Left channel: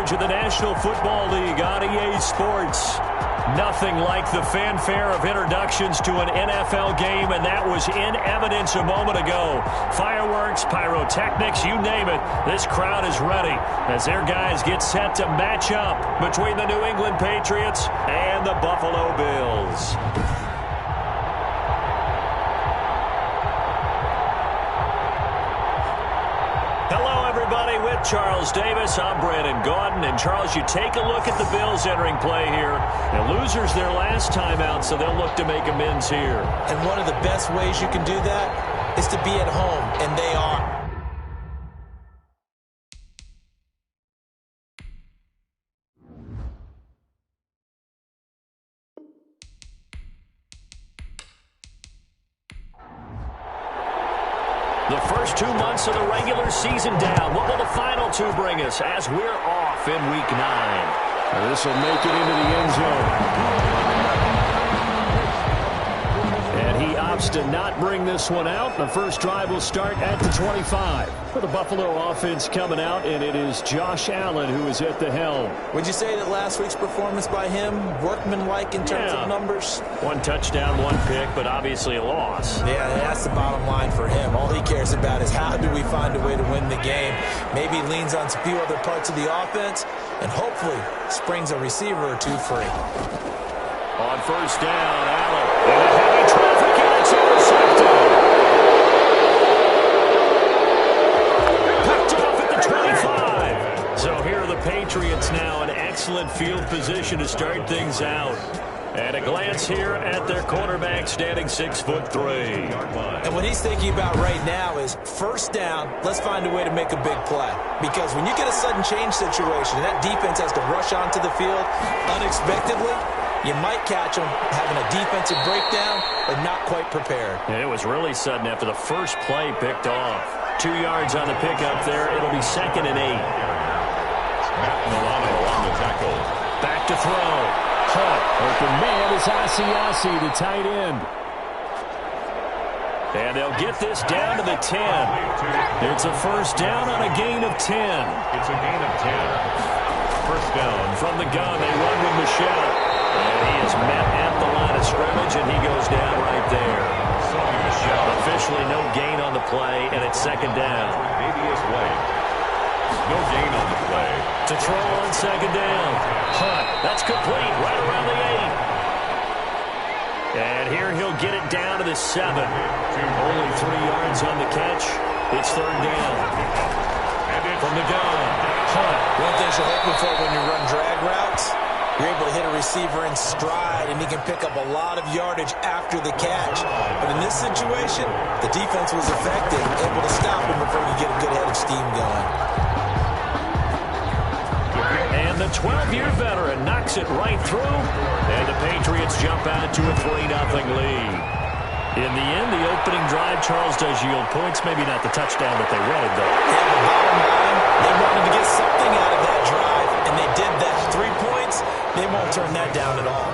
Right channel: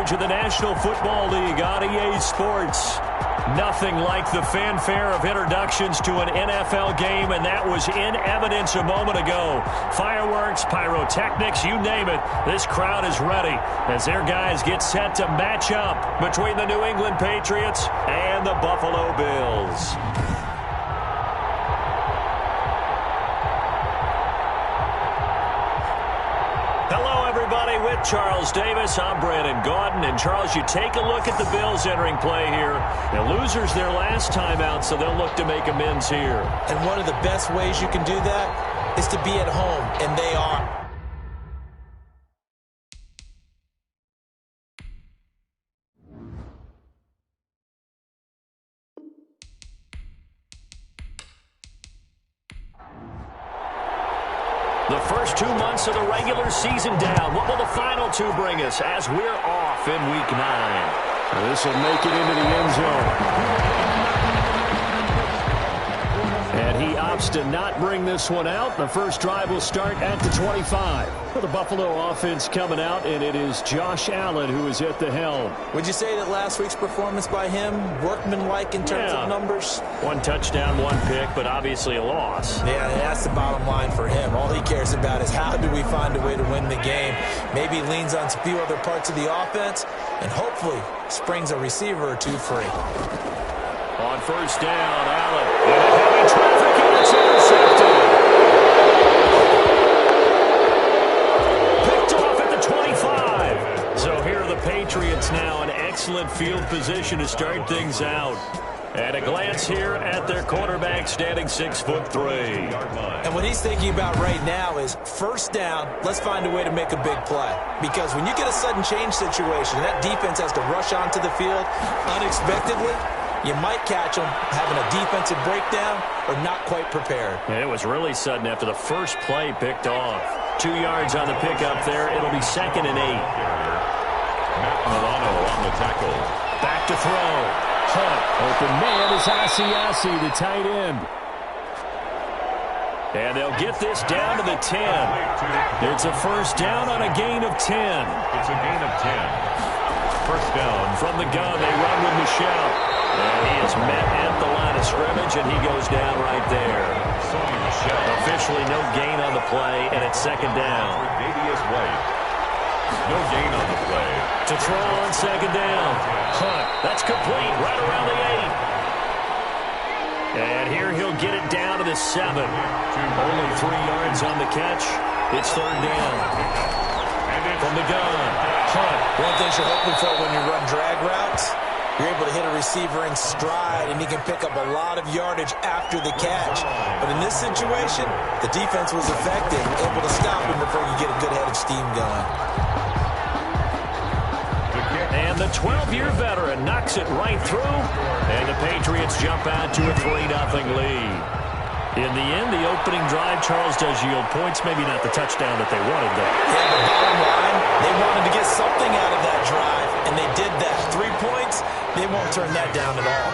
coverage of the National Football League on EA Sports. Nothing like the fanfare of introductions to an NFL game, and that was in evidence a moment ago. Fireworks, pyrotechnics, you name it. This crowd is ready as their guys get set to match up between the New England Patriots and the Buffalo Bills. With Charles Davis, I'm Brandon Gaudin. And Charles, you take a look at the Bills entering play here. The losers their last time out, so they'll look to make amends here. And one of the best ways you can do that is to be at home, and they are. The first 2 months of the regular season down. What will the final two bring us as we're off in Week 9? This will make it into the end zone. And he opts to not bring this one out. The first drive will start at the 25. For the Buffalo offense coming out, and it is Josh Allen who is at the helm. Would you say that last week's performance by him, workmanlike in terms of numbers? 1 touchdown, 1 pick, but obviously a loss. Yeah, that's the bottom line for him. All he cares about is how do we find a way to win the game. Maybe he leans on a few other parts of the offense, and hopefully springs a receiver or two free. On first down, Allen in a heavy traffic, and it's intercepted. Picked off at the 25. So here are the Patriots now in excellent field position to start things out. At a glance here at their quarterback standing 6'3". And what he's thinking about right now is first down, let's find a way to make a big play. Because when you get a sudden change situation, and that defense has to rush onto the field unexpectedly, you might catch them having a defensive breakdown or not quite prepared. It was really sudden after the first play picked off. 2 yards on the pickup there. It'll be 2nd and 8. Matt Milano on the tackle. Back to throw. Hunt. Open man is Asiasi, the tight end. And they'll get this down to the 10. It's a first down on a gain of 10. It's a gain of 10. First down. From the gun, they run with Michelle. And he is met at the line of scrimmage, and he goes down right there. Sonny Michel. Officially no gain on the play, and it's 2nd down. Davius White. No gain on the play. To throw on 2nd down. Hunt. That's complete right around the 8. And here he'll get it down to the 7. Only 3 yards on the catch. It's 3rd down. From the gun. Hunt. One thing you're hoping for when you run drag routes, you're able to hit a receiver in stride, and he can pick up a lot of yardage after the catch. But in this situation, the defense was effective, able to stop him before you get a good head of steam going. And the 12-year veteran knocks it right through, and the Patriots jump out to a 3-0 lead. In the end, the opening drive, Charles, does yield points. Maybe not the touchdown that they wanted, though. Yeah, the bottom line, they wanted to get something out of that drive, and they did that. 3 points, they won't turn that down at all.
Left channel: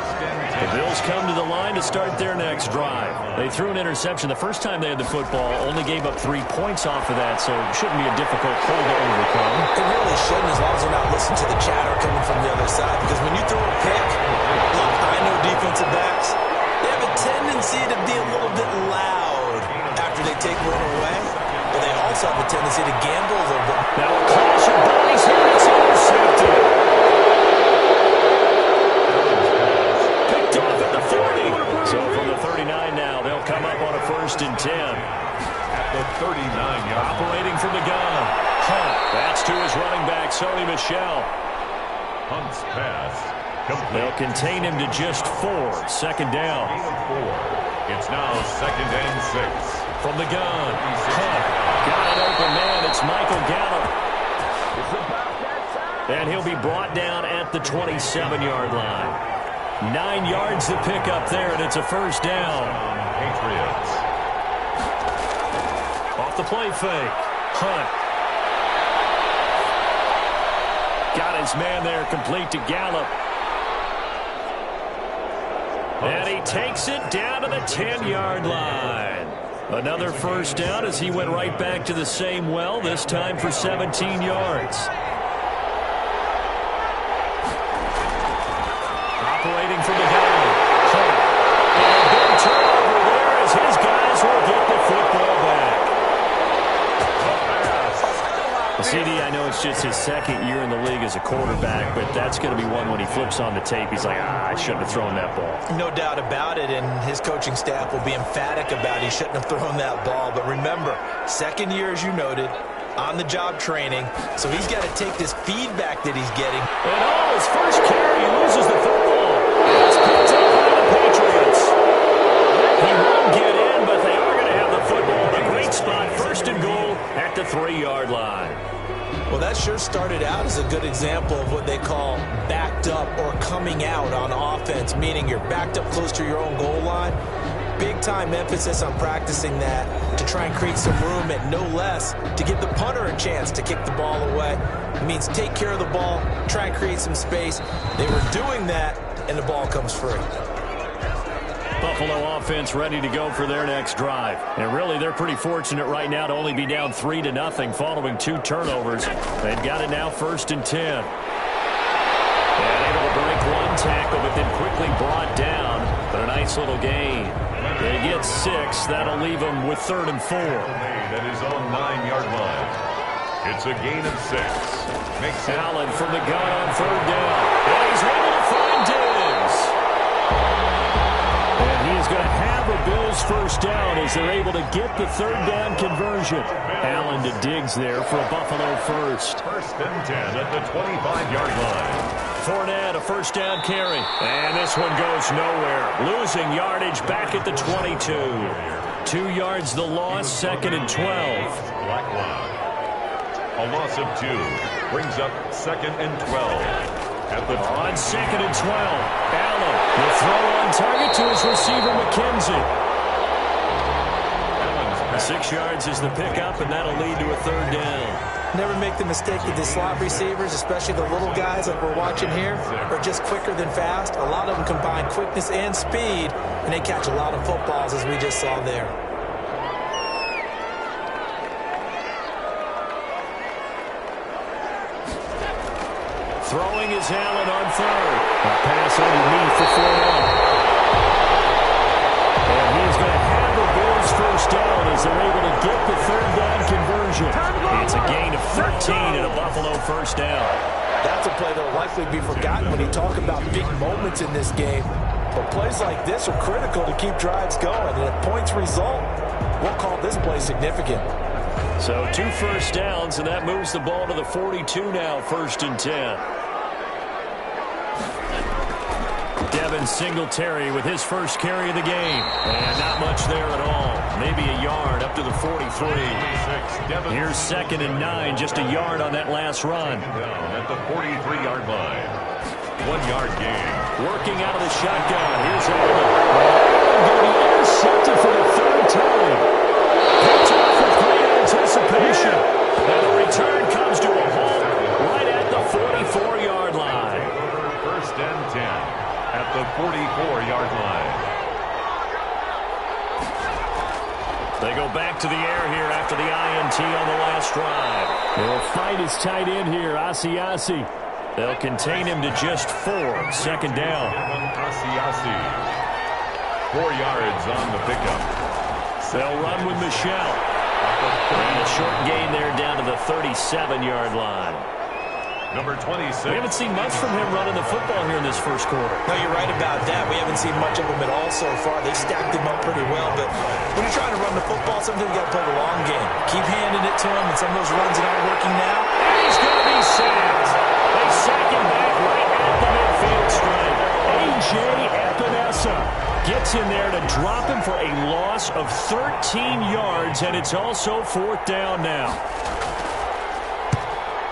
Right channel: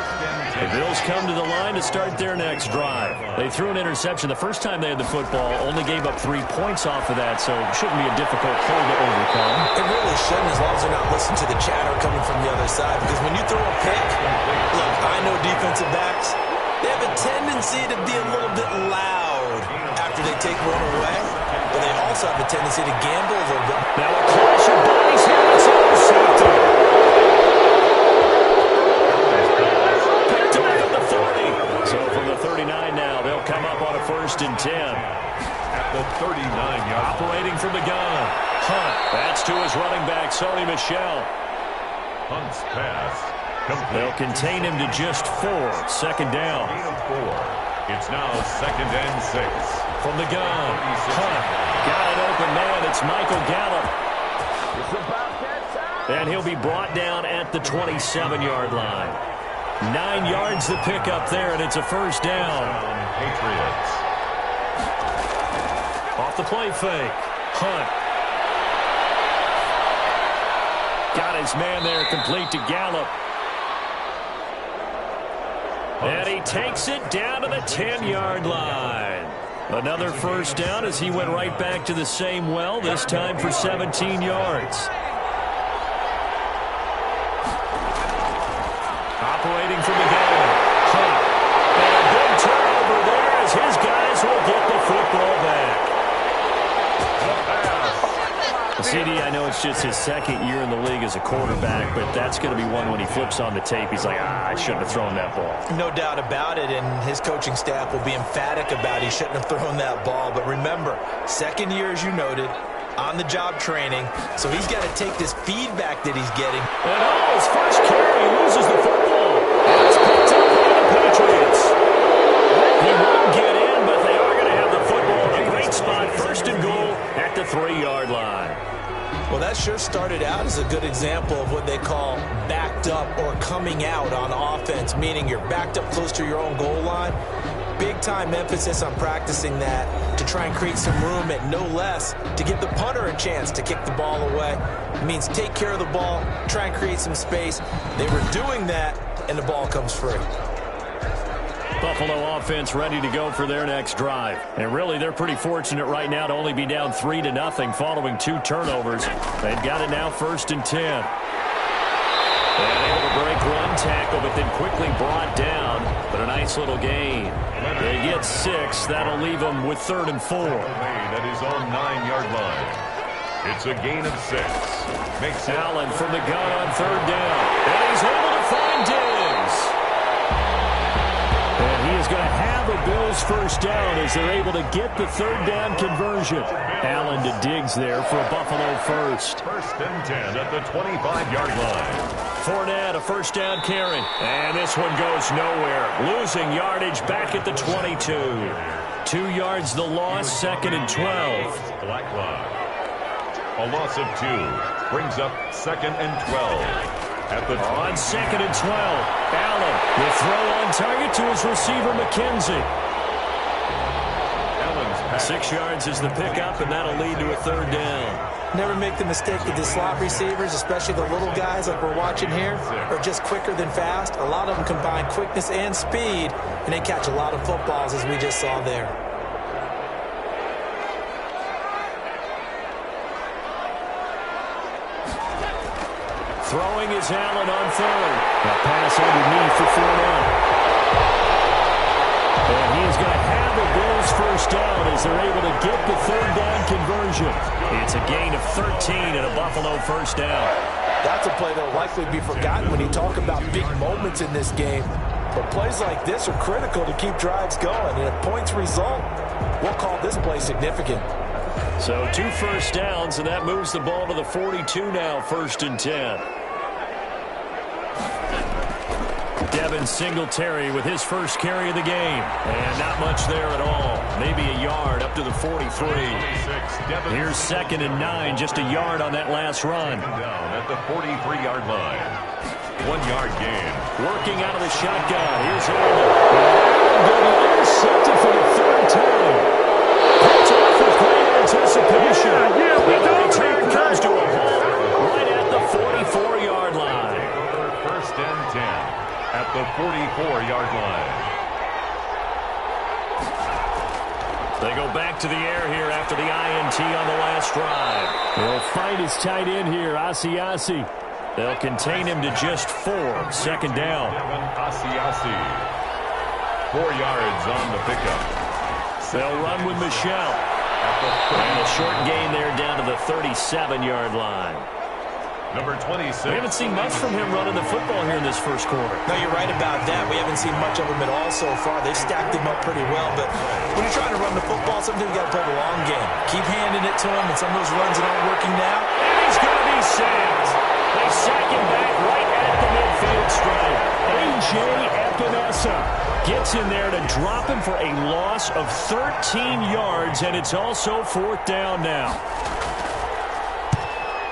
The Bills come to the line to start their next drive. They threw an interception the first time they had the football, only gave up 3 points off of that, so it shouldn't be a difficult hole to overcome. It really shouldn't, as long as they're not listening to the chatter coming from the other side, because when you throw a pick, look, I know defensive backs, they have a tendency to be a little bit loud after they take one away, but they also have a tendency to gamble a little bit. Now a clash of bodies here, and it's intercepted. Picked off at the 40. So from the 39 now, they'll come up on a 1st and 10. At the 39-yard. Operating from the gun. Hunt. That's to his running back, Sonny Michel. Hunt's pass. Complete. They'll contain him to just 4. 2nd down. Gain of 4. It's now 2nd and 6. From the gun. Hunt. Got an open man. It's Michael Gallup. It's about that time. And he'll be brought down at the 27-yard line. 9 yards to pick up there, and it's a 1st down. Patriots. Off the play fake. Hunt. Got his man there, complete to Gallup. And he takes it down to the 10-yard line. Another 1st down as he went right back to the same well, this time for 17 yards. Operating from the gun. And a big turnover there as his guys will get the football back. Well, CD, I know it's just his second year in the league as a quarterback, but that's going to be one when he flips on the tape. He's like, I shouldn't have thrown that ball. No doubt about it, and his coaching staff will be emphatic about he shouldn't have thrown that ball. But remember, second year, as you noted, on-the-job training, so he's got to take this feedback that he's getting. And his first carry, he loses the football. And it's picked up by the Patriots. He won't get in, but they are going to have the football in a great spot. First and goal at the 3-yard line. Well, that sure started out as a good example of what they call backed up or coming out on offense, meaning you're backed up close to your own goal line. Big-time emphasis on practicing that to try and create some room at no less to give the punter a chance to kick the ball away. It means take care of the ball, try and create some space. They were doing that, and the ball comes free. Buffalo offense ready to go for their next drive. And really, they're pretty fortunate right now to only be down 3-0 following 2 turnovers. They've got it now 1st and 10. And able to break 1 tackle, but then quickly brought down. But a nice little gain. They get 6. That'll leave them with 3rd and 4. Made at his own 9-yard line. It's a gain of 6. Makes Allen from the gun on 3rd down. And he's able to find Diggs. And he is going to have a Bills first down as they're able to get the 3rd down conversion. Allen to Diggs there for a Buffalo first. 1st and 10 at the 25-yard line. Fournette, a first down carry. And this one goes nowhere. Losing yardage back at the 22. 2 yards the loss, 2nd and 12. Blacklock. A loss of 2 brings up 2nd and 12. At the on 2nd and 12, Allen will throw on target to his receiver, McKenzie. 6 yards is the pickup, and that'll lead to a 3rd down. Never make the mistake that the slot receivers, especially the little guys like we're watching here, are just quicker than fast. A lot of them combine quickness and speed, and they catch a lot of footballs, as we just saw there. Throwing is Allen on 3rd. A pass underneath for Fournette. And he is going to have a Bills first down as they're able to get the 3rd down conversion. It's a gain of 13 and a Buffalo first down. That's a play that will likely be forgotten when you talk about big moments in this game. But plays like this are critical to keep drives going. And if points result, we'll call this play significant. So 2 first downs, and that moves the ball to the 42 now, 1st and 10. Devin Singletary with his first carry of the game. And not much there at all. Maybe a yard up to the 43. Here's 2nd and 9, just a yard on that last run. Down at the 43-yard line. 1-yard gain. Working out of the shotgun. Here's Allen. Allen going to be intercepted for the 3rd time. Picked off with great anticipation. And the return comes to a halt right at the 44-yard line. 1st and 10. At the 44-yard line. They go back to the air here after the INT on the last drive. They'll find his tight end here, Asiasi. They'll contain him to just 4. 2nd down. Asiasi. 4 yards on the pickup. They'll run with Michelle. And a short gain there down to the 37-yard line. Number 26. We haven't seen much from him running the football here in this first quarter. No, you're right about that. We haven't seen much of him at all so far. They've stacked him up pretty well. But when you're trying to run the football, sometimes you got to play the long game. Keep handing it to him, and some of those runs that aren't working now. And he's going to be sacked. They sack him back right at the midfield stripe. A.J. Epinesa gets in there to drop him for a loss of 13 yards, and it's also 4th down now.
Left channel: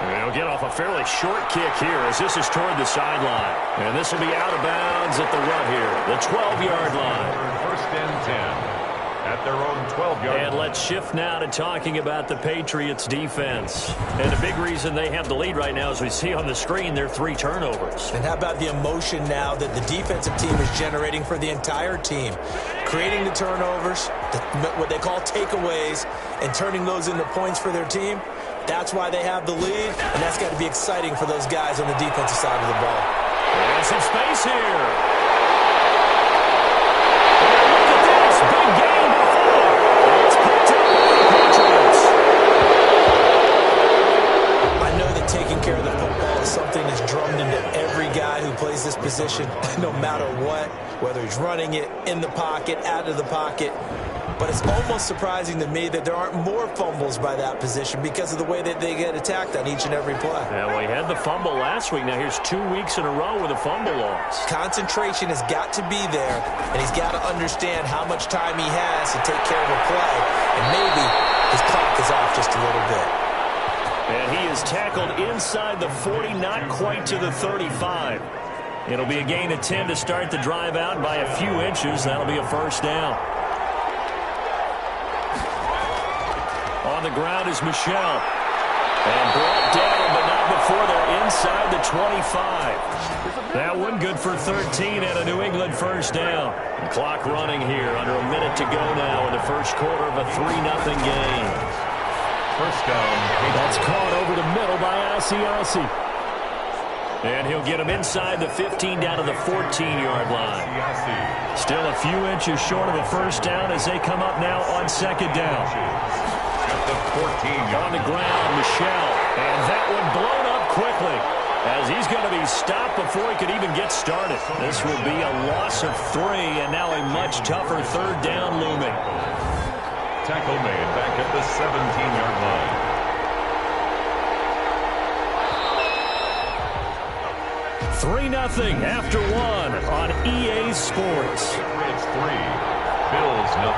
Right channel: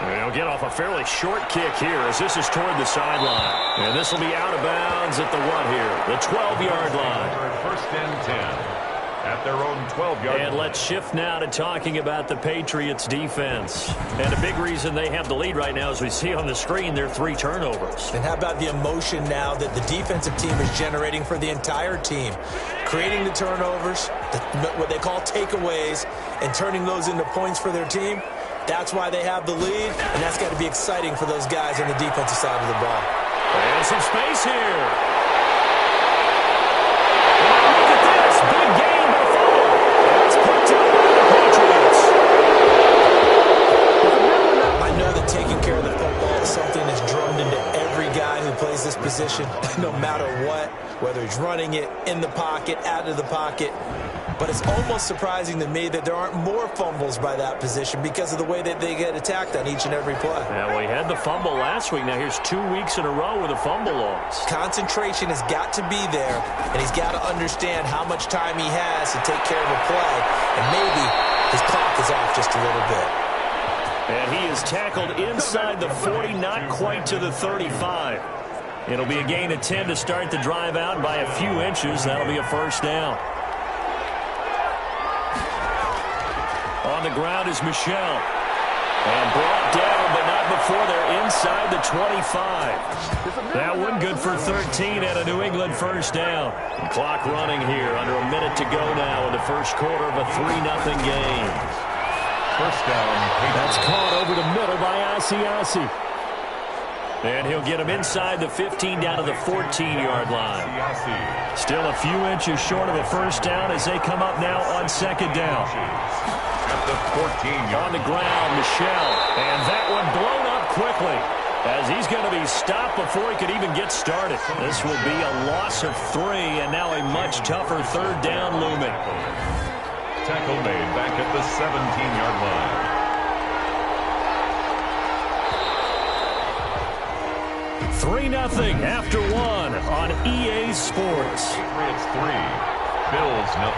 They'll get off a fairly short kick here as this is toward the sideline. And this will be out of bounds at the what here? The 12-yard line. 1st and 10 at their own 12-yard line. And let's shift now to talking about the Patriots defense. And a big reason they have the lead right now, as we see on the screen, their 3 turnovers. And how about the emotion now that the defensive team is generating for the entire team? Creating the turnovers, what they call takeaways, and turning those into points for their team. That's why they have the lead, and that's got to be exciting for those guys on the defensive side of the ball. And some space here. And look at this. Big gain by fumble. And it's picked up by the Patriots. I know that taking care of the football is something that's drummed into every guy who plays this position, no matter what, whether he's running it, in the pocket, out of the pocket. But it's almost surprising to me that there aren't more fumbles by that position because of the way that they get attacked on each and every play. Yeah, well, he had the fumble last week. Now here's 2 weeks in a row with a fumble loss. Concentration has got to be there, and he's got to understand how much time he has to take care of a play, and maybe his clock is off just a little bit. And he is tackled inside the 40, not quite to the 35. It'll be a gain of 10 to start the drive out by a few inches. That'll be a first down. On the ground is Michel. And brought down, but not before they're inside the 25. That one good for 13 and a New England first down. And clock running here, under a minute to go now in the first quarter of a 3-0 game. First down. That's caught over the middle by Asiasi. And he'll get him inside the 15 down to the 14-yard line. Still a few inches short of a first down as they come up now on second down. At the 14-yard. On the ground, Michel. And that one blown up quickly as he's going to be stopped before he could even get started. This will be a loss of 3 and now a much tougher third down looming. Tackle made back at the 17-yard line. 3-0 after 1 on EA Sports. Patriots 3, Bills 0.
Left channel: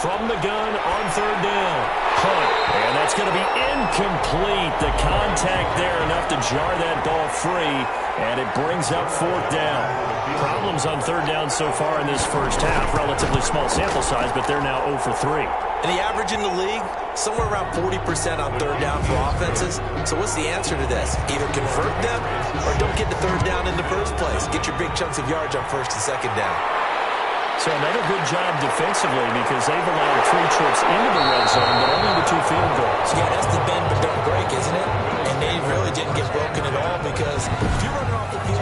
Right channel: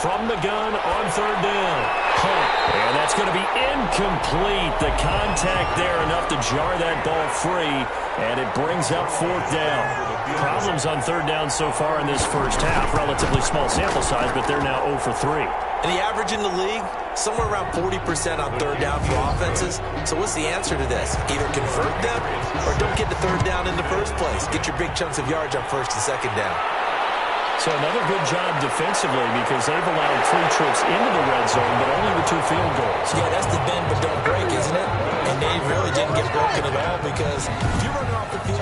From the gun on third down. Hunt. And that's going to be incomplete. The contact there enough to jar that ball free. And it brings up fourth down. Problems on third down so far in this first half. Relatively small sample size, but they're now 0 for 3. And the average in the league, somewhere around 40% on third down for offenses. So what's the answer to this? Either convert them or don't get the third down in the first place. Get your big chunks of yards on first and second down. So another good job defensively because they've allowed 3 trips into the red zone, but only with 2 field goals. Yeah, that's the bend but don't break, isn't it? And they really didn't get broken at all because if you're running off the field,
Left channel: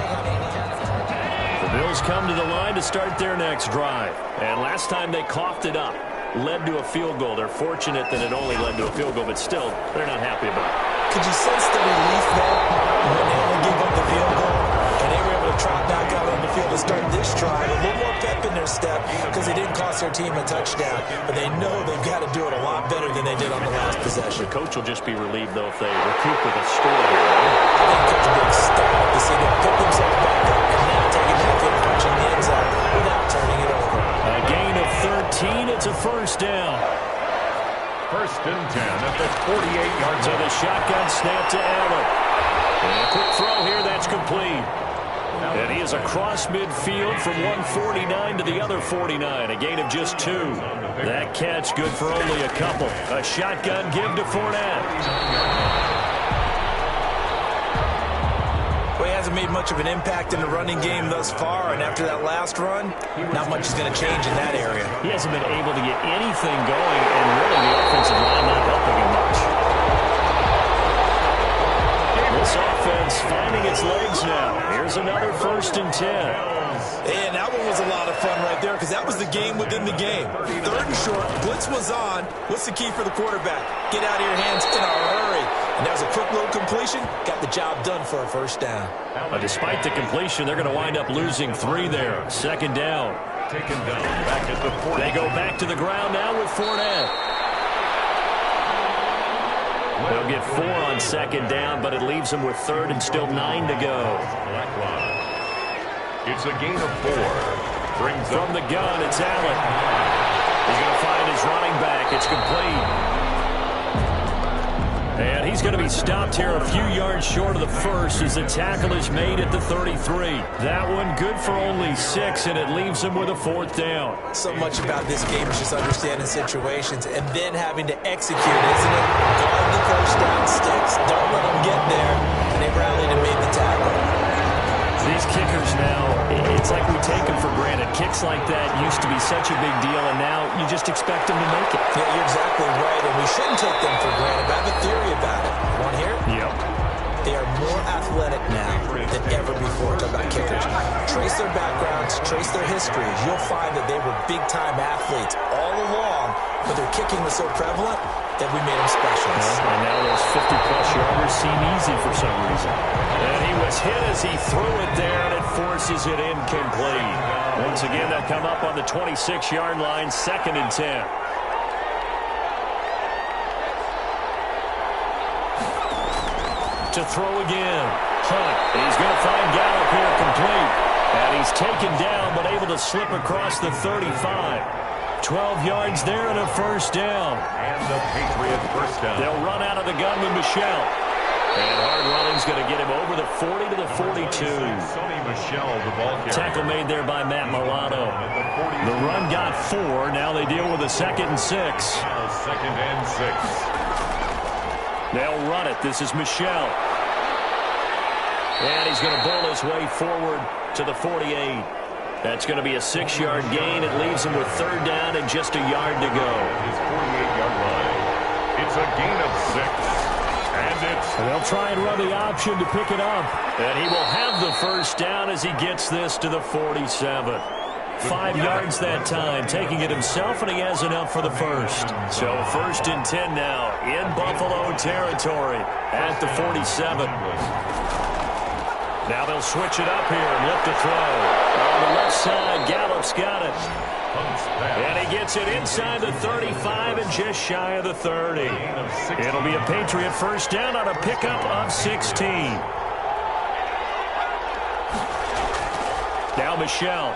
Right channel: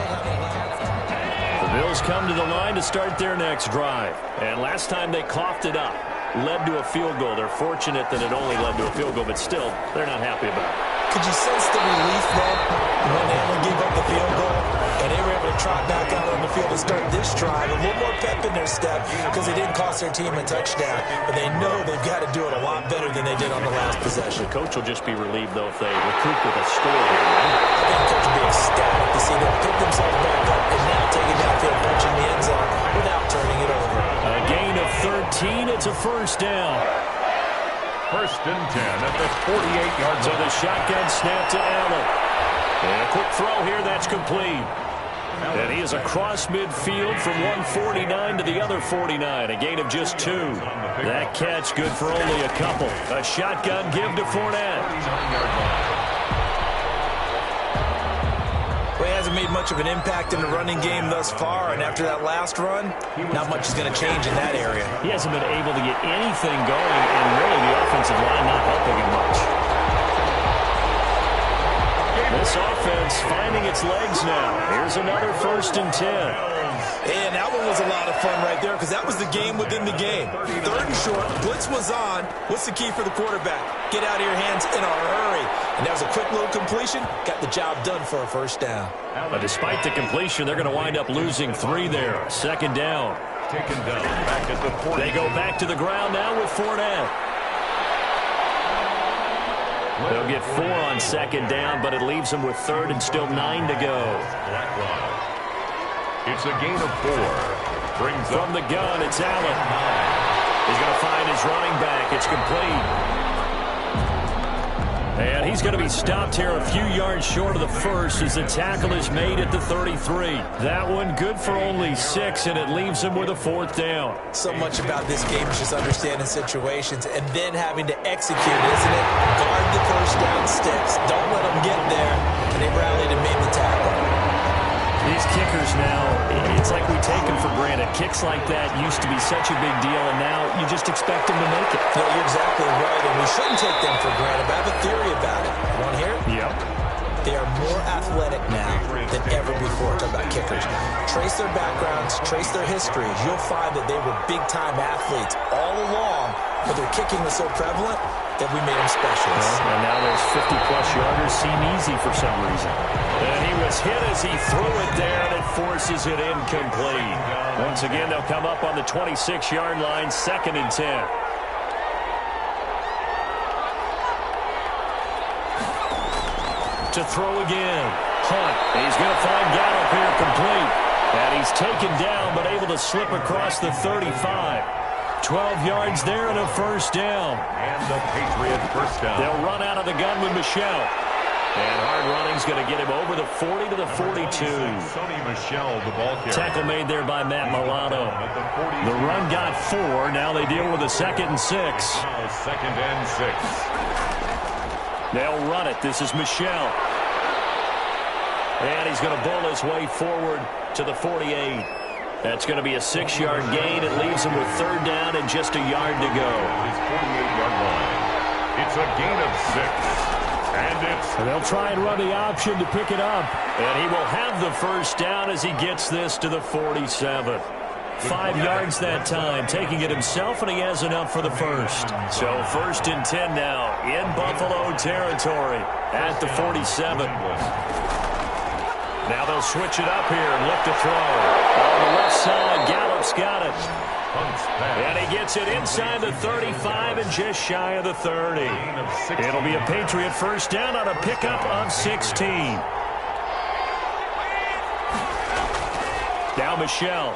the Bills come to the line to start their next drive. And last time they coughed it up, led to a field goal. They're fortunate that it only led to a field goal, but still, they're not happy about it. Could you sense the relief, though, when they only gave up the field goal and they were able to trot back out on the field to start this drive? A little more pep in their step because they didn't cost their team a touchdown, but they know they've got to do it a lot better than they did on the last possession. The coach will just be relieved, though, if they recoup with a score here, right? I think coach will be ecstatic to see them pick themselves back up and now take it downfield and punching the end zone without turning it over. A gain of 13. It's a first down. First and 10 at the 48-yard line. So the shotgun snap to Allen. And a quick throw here, that's complete. And he is across midfield from 149 to the other 49. A gain of just 2. That catch good for only a couple. A shotgun give to Fournette. Well, he hasn't made much of an impact in the running game thus far, and after that last run, not much is going to change in that area. He hasn't been able to get anything going, and really the offensive line not helping him much. This offense finding its legs now. Here's another first and 10. And that one was a lot of fun right there because that was the game within the game. Third and short, blitz was on. What's the key for the quarterback? Get out of your hands in a hurry. And that was a quick little completion. Got the job done for a first down. But despite the completion, they're going to wind up losing 3 there. Second down. Taken down back at the 40. They go back to the ground now with Fournette. They'll get 4 on second down, but it leaves them with third and still 9 to go. It's a gain of 4. Brings from the gun, it's Allen. He's going to find his running back. It's complete. And he's going to be stopped here a few yards short of the first as the tackle is made at the 33. That one good for only 6, and it leaves him with a fourth down. So much about this game is just understanding situations and then having to execute, isn't it? Guard the first down sticks. Don't let them get there. And they rallied and made the tackle. These kickers now, it's like we take them for granted. Kicks like that used to be such a big deal, and now you just expect them to make it. Yeah, you're exactly right, and we shouldn't take them for granted, but I have a theory about it. You want to hear it? Yep. athletic now than ever before. Talk about kickers. Trace their backgrounds, trace their histories. You'll find that they were big-time athletes all along, but their kicking was so prevalent that we made them specialists. And now those 50-plus yarders seem easy for some reason. And he was hit as he threw it there, and it forces it incomplete. Once again, they'll come up on the 26-yard line, 2nd and 10. To throw again. Hunt. He's going to find Gallup here complete. And he's taken down but able to slip across the 35. 12 yards there and a first down. And the Patriot first down. They'll run out of the gun with Michel. And hard running's going to get him over the 40 to the 42. Sonny Michel, the ball carrier. Tackle made there by Matt Milano. The run got 4. Now they deal with a 2nd and 6. Now 2nd and 6. They'll run it. This is Michel. And he's going to bull his way forward to the 48. That's going to be a 6-yard gain. It leaves him with 3rd down and just a yard to go. His 48-yard line. It's a gain of 6. And they'll try and run the option to pick it up. And he will have the first down as he gets this to the 47. 5 yards that time, taking it himself, and he has enough for the first. So 1st and 10 now in Buffalo territory at the 47. Now they'll switch it up here and look to throw. On the left side, Gallup's got it. And he gets it inside the 35 and just shy of the 30. It'll be a Patriot first down on a pickup of 16. Now Michel.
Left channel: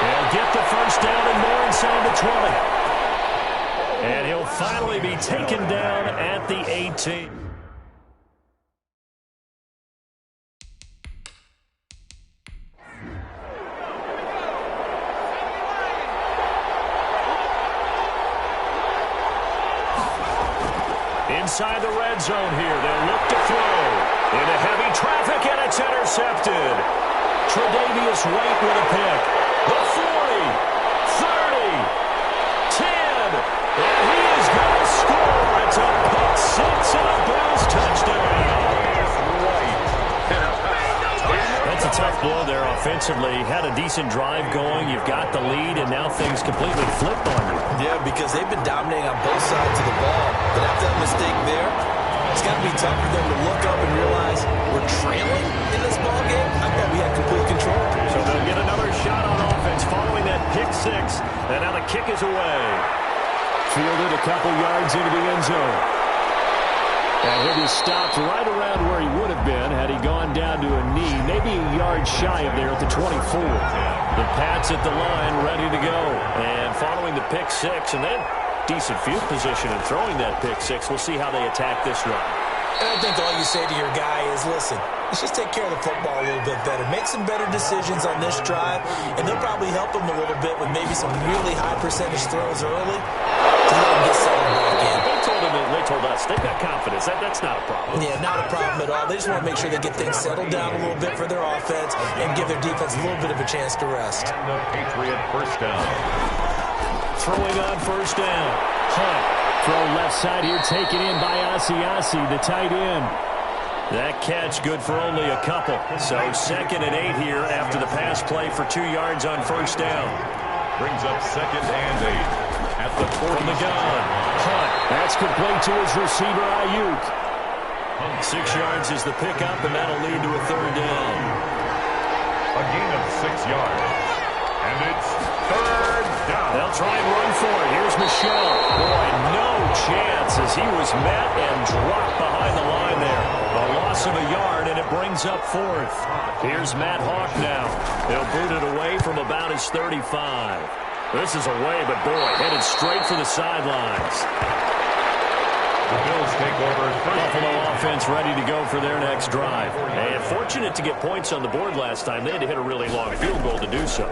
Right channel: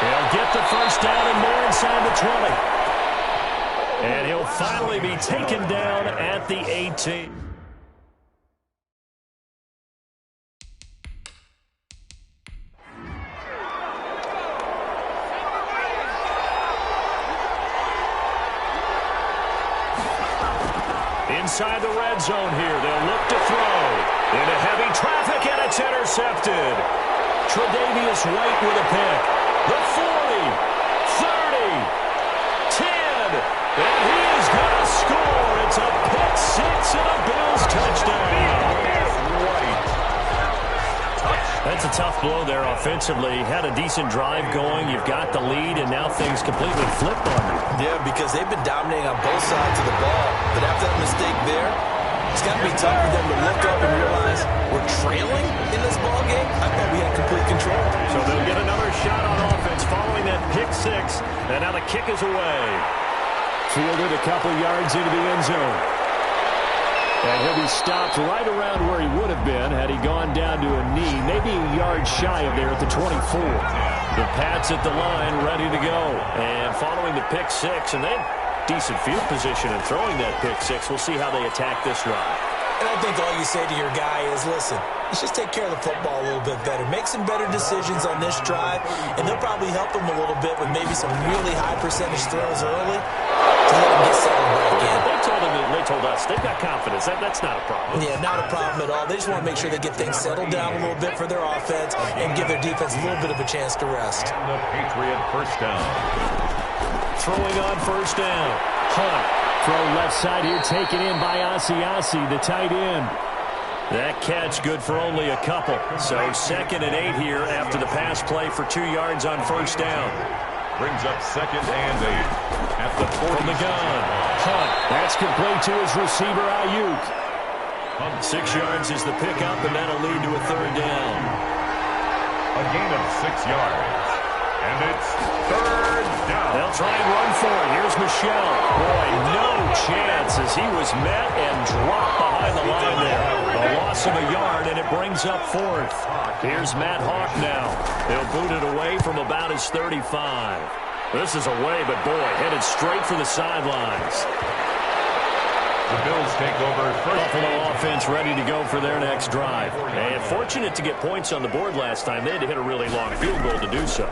He'll get the first down and more inside the 20. And he'll finally be taken down at the 18. Inside the red zone here, they'll look to throw. Into heavy traffic, and it's intercepted. Tre'Davious White with a pick. The 40, 30, 10, and he is going to score. It's a pick 6 and a Bills touchdown. That's a tough blow there offensively. Had a decent drive going. You've got the lead, and now things completely flipped on you. Yeah, because they've been dominating on both sides of the ball. But after that mistake there, it's got to be tough for them to look up and realize we're trailing in this ball game. I thought we had complete control. So they'll get another shot on offense following that pick 6, and now the kick is away. Fielded a couple yards into the end zone. And he'll be stopped right around where he would have been had he gone down to a knee, maybe a yard shy of there at the 24. The Pats at the line, ready to go. And following the pick 6, and then decent field position and throwing that pick 6. We'll see how they attack this drive. And I think all you say to your guy is, listen, let's just take care of the football a little bit better. Make some better decisions on this drive, and they'll probably help him a little bit with maybe some really high percentage throws early to let him get settled back in. They told us they've got confidence. That's not a problem. Yeah, not a problem at all. They just want to make sure they get things settled down a little bit for their offense and give their defense a little bit of a chance to rest. And the Patriot first down. Throwing on first down. Hunt. Throw left side here, taken in by Asiasi, the tight end. That catch good for only a couple. So 2nd and 8 here after the pass play for 2 yards on first down. Brings up 2nd and 8 at the 40. From the gun. Hunt. That's complete to his receiver, Ayuk. 6 yards is the pickup, and that'll lead to a 3rd down. A gain of 6 yards. And it's 3rd down. They'll try and run for it. Here's Michel. Boy, no chance as he was met and dropped behind the line there. A loss of a yard, and it brings up 4th. Here's Matt Hawk now. He'll boot it away from about his 35. This is away, but boy, headed straight for the sidelines. The Bills take over first. Buffalo offense ready to go for their next drive. And fortunate to get points on the board last time. They had to hit a really long field goal to do so.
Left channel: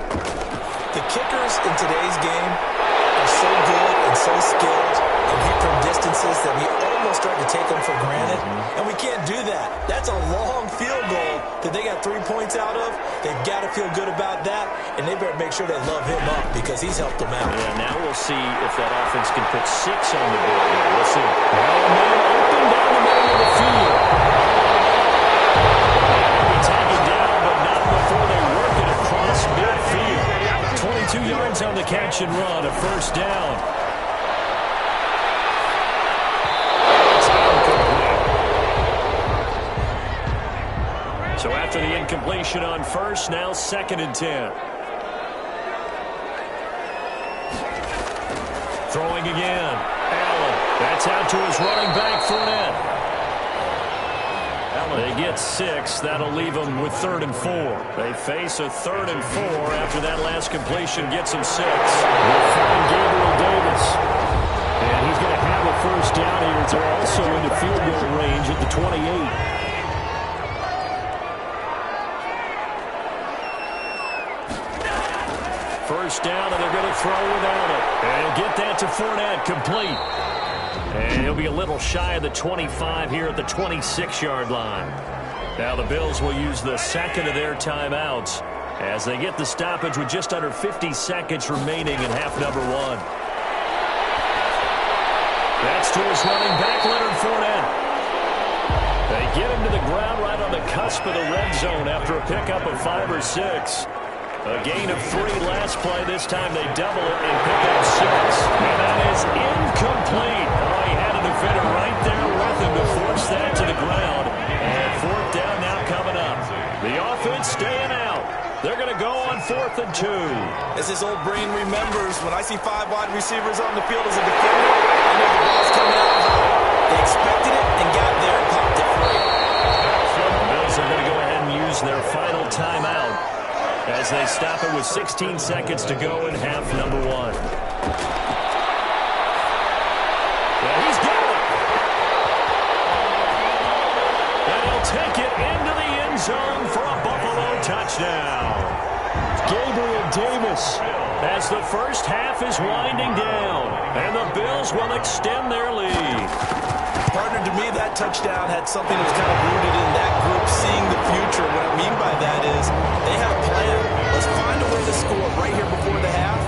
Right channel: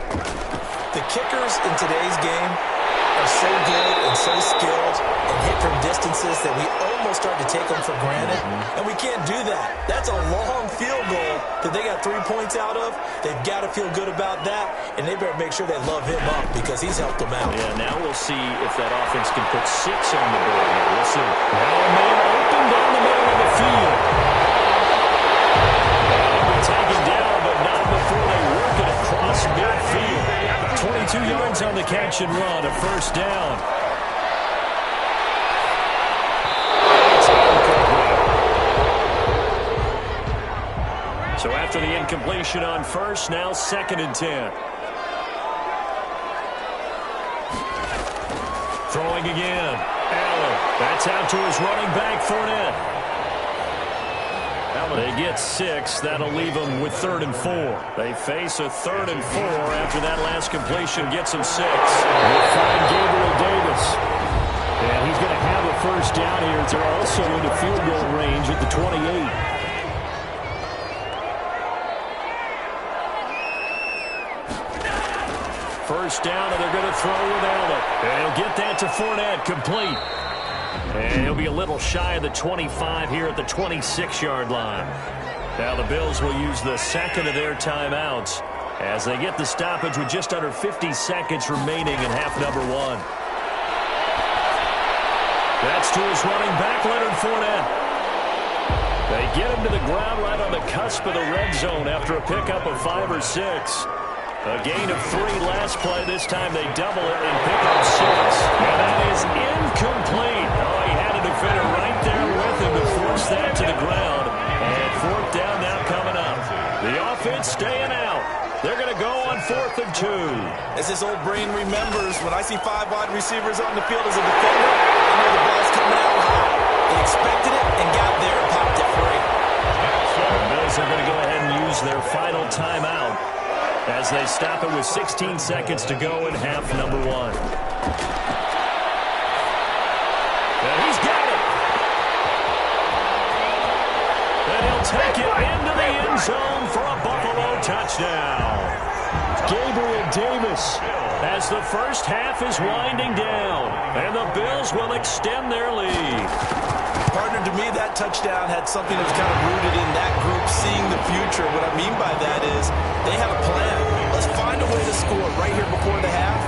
The kickers in today's game are so good and so skilled and hit from distances that we almost start to take them for granted. And we can't do that. That's a long field goal that they got 3 points out of. They've got to feel good about that, and they better make sure they love him up because he's helped them out. Yeah, now we'll see if that offense can put 6 on the board here. We'll see. Now a man open down the middle of the field. the catch and run, a first down. It's incomplete. So after the incompletion on first, now 2nd and 10. Throwing again. Allen. That's out to his running back, Fournette. They get 6. That'll leave them with 3rd and 4. They face a 3rd and 4 after that last completion gets them 6. We'll find Gabriel Davis. And he's going to have a first down here. They're also into field goal range at the 28. First down, and they're going to throw with Allen. And he'll get that to Fournette, complete. And he'll be a little shy of the 25 here at the 26-yard line. Now the Bills will use the second of their timeouts as they get the stoppage with just under 50 seconds remaining in half number 1. That's to his running back, Leonard Fournette. They get him to the ground right on the cusp of the red zone after a pickup of 5 or 6. A gain of 3 last play. This time they double it and pick up 6. And that is incomplete. Oh, he had a defender right there with him to force that to the ground. And 4th down now coming up. The offense staying out. They're going to go on 4th and 2. As his old brain remembers, when I see 5 wide receivers on the field as a defender, I know the ball's coming out high. They expected it and got there and popped it free. The Bills are going to go ahead and use their final timeout as they stop it with 16 seconds to go in half number 1. And he's got it. And he'll take it into the end zone for a Buffalo touchdown. Gabriel Davis. As the first half is winding down, and the Bills will extend their lead. Partner, to me, that touchdown had something that was kind of rooted in that group seeing the future. What I mean by that is they had a plan. Let's find a way to score right here before the half,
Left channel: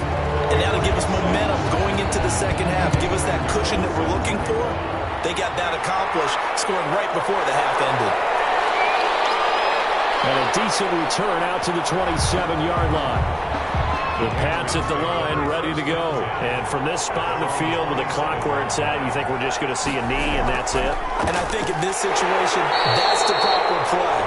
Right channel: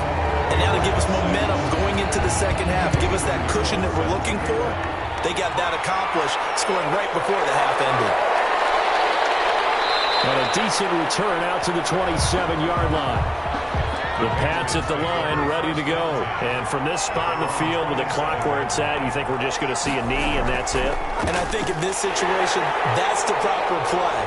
and now to give us momentum going into the second half, give us that cushion that we're looking for. They got that accomplished, scoring right before the half ended. And a decent return out to the 27-yard line. The Pats at the line, ready to go. And from this spot in the field with the clock where it's at, you think we're just going to see a knee and that's it? And I think in this situation, that's the proper play.